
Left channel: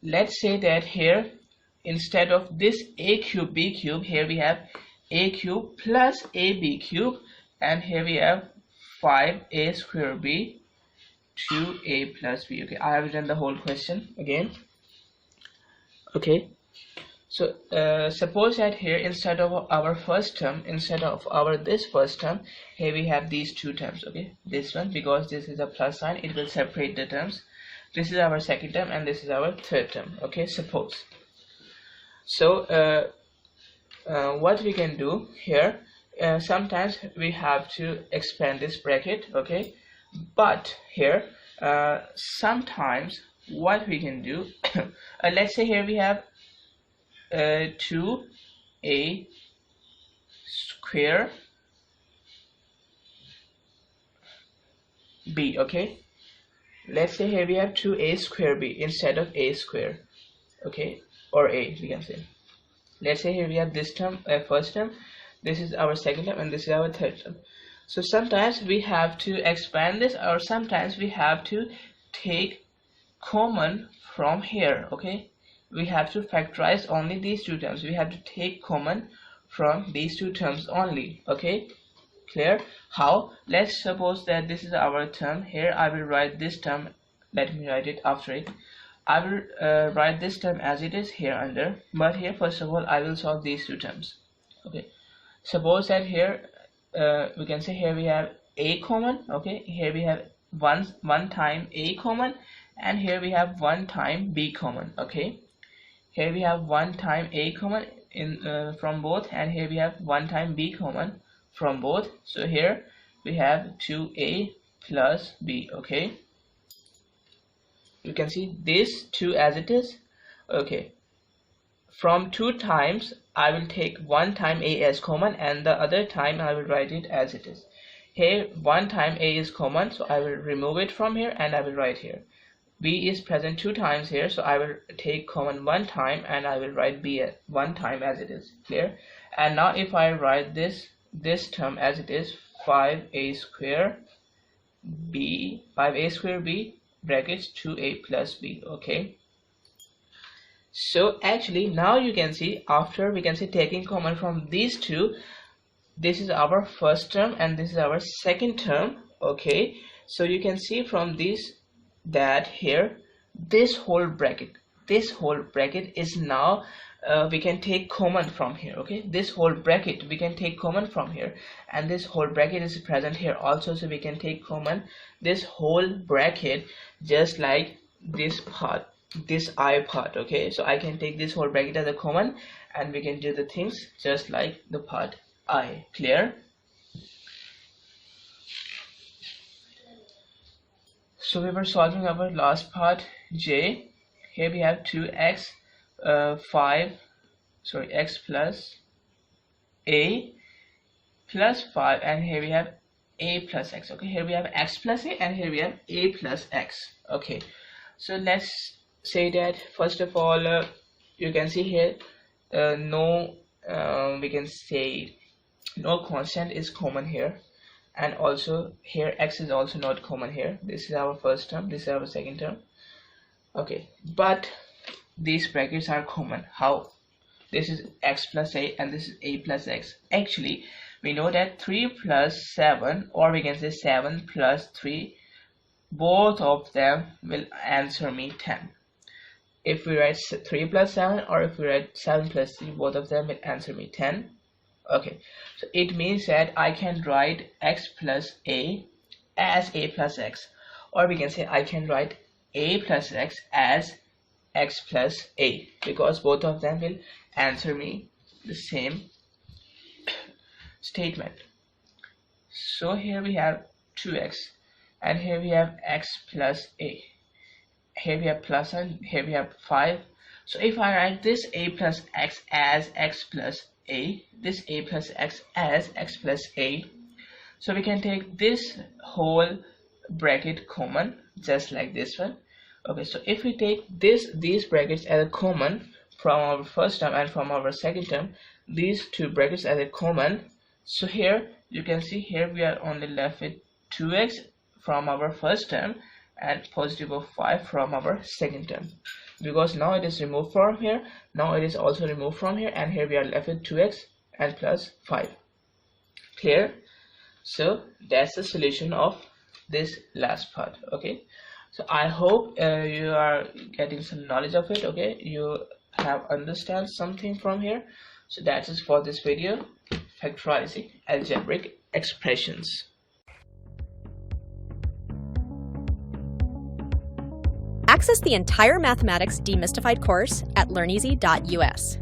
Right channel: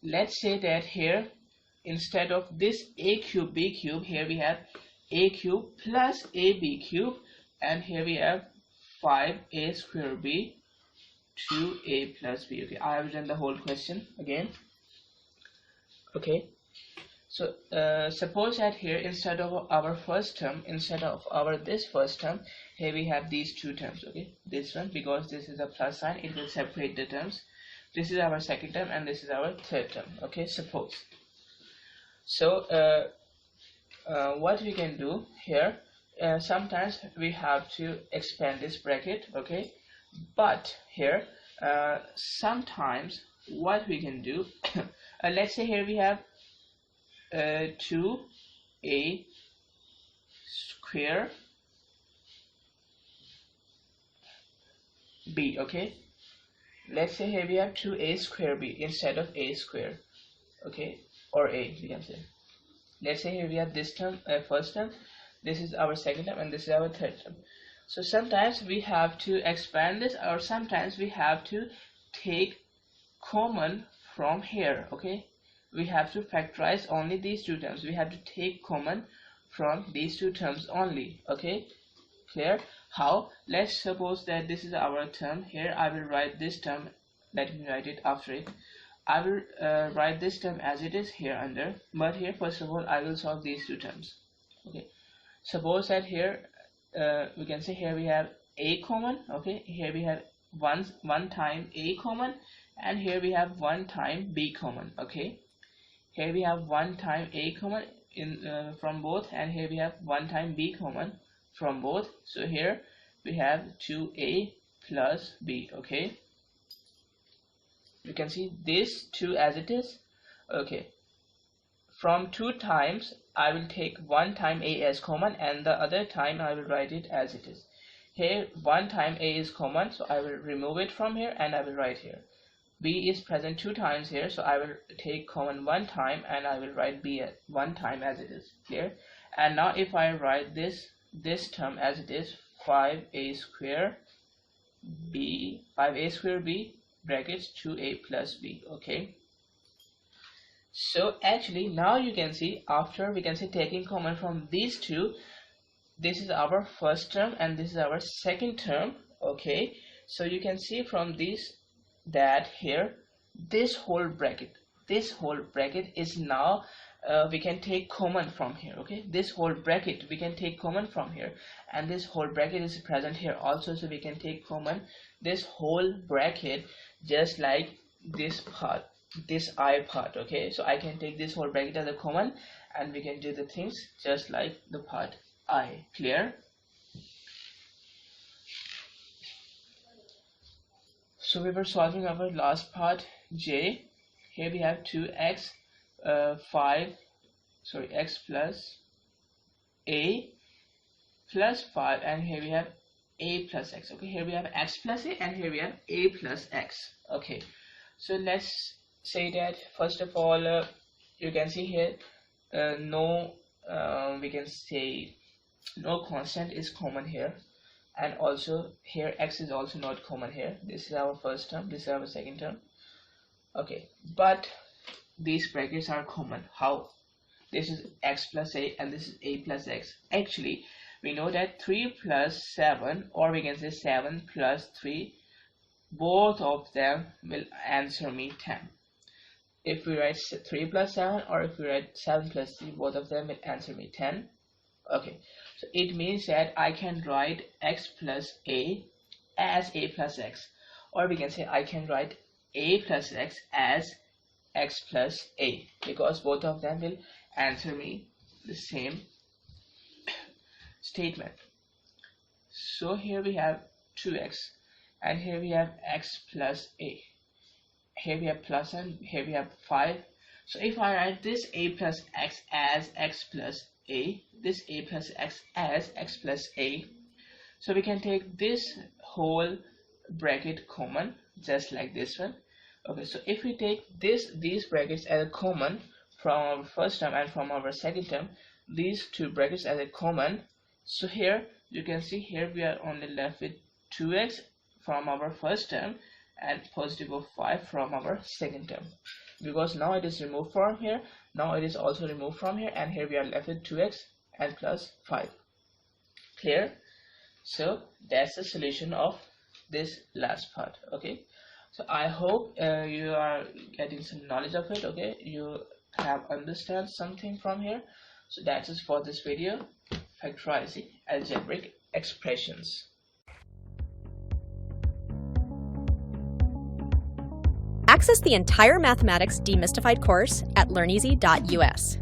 let's say that here instead of this a cube b cube, here we have a cube plus a b cube, and here we have 5a square b 2a plus b. Okay, I have done the whole question again. Okay, so suppose that here instead of our first term, instead of our this first term, here we have these two terms. Okay, this one, because this is a plus sign, it will separate the terms. This is our second term and this is our third term. Okay, suppose. So what we can do here, sometimes we have to expand this bracket. Okay, but here sometimes what we can do let's say here we have 2a square b. Okay, let's say here we have 2a square b instead of a square. Okay, or a, we can say. Let's say here we have this term, first term, this is our second term, and this is our third term. So sometimes we have to expand this, or sometimes we have to take common from here. Okay, we have to factorize only these two terms. We have to take common from these two terms only. Okay, clear? How? Let's suppose that this is our term. Here I will write this term. Let me write it after it. I will write this term as it is here under, but here first of all I will solve these two terms. Okay, suppose that here we can say here we have a common. Okay, here we have one time a common, and here we have one time b common. Okay, here we have one time a common in from both, and here we have one time b common from both. So here we have 2a plus b. Okay, you can see this 2 as it is. Okay, from 2 times I will take one time a as common, and the other time I will write it as it is. Here one time a is common, so I will remove it from here and I will write here. B is present 2 times here, so I will take common one time and I will write b at one time as it is. Clear? And now if I write this term as it is, 5a square b, 5a square b brackets 2a plus b. Okay, so actually now you can see, after we can say taking common from these two, this is our first term and this is our second term. Okay, So you can see from this that here this whole bracket is now we can take common from here. Okay, this whole bracket we can take common from here, and this whole bracket is present here also, so we can take common this whole bracket, just like this part, this I part. Okay, so I can take this whole bracket as a common, and we can do the things just like the part I. Clear? So we were solving our last part J. Here we have 2x x plus a plus 5, and here we have a plus x. Okay, here we have x plus a, and here we have a plus x. Okay, so let's say that first of all you can see here we can say no constant is common here, and also here x is also not common here. This is our first term, this is our second term. Okay, but these brackets are common. How? This is x plus a and this is a plus x. Actually we know that 3 plus 7, or we can say 7 plus 3, both of them will answer me 10. If we write 3 plus 7, or if we write 7 plus 3, both of them will answer me 10. Okay, so it means that I can write x plus a as a plus x, or we can say I can write a plus x as x plus a, because both of them will answer me the same statement. So here we have 2x, and here we have x plus a, here we have plus, and here we have 5. So if I write this a plus x as x plus a, this a plus x as x plus a, so we can take this whole bracket common, just like this one. Okay, so if we take these brackets as a common from our first term and from our second term, these two brackets as a common, so here you can see here we are only left with 2x from our first term and positive of 5 from our second term, because now it is removed from here, now it is also removed from here, and here we are left with 2x and plus 5. Clear? So that's the solution of this last part. Okay, so I hope you are getting some knowledge of it. Okay, you have understand something from here. So that's it for this video, factorizing algebraic expressions. Access the entire Mathematics Demystified course at learneasy.us.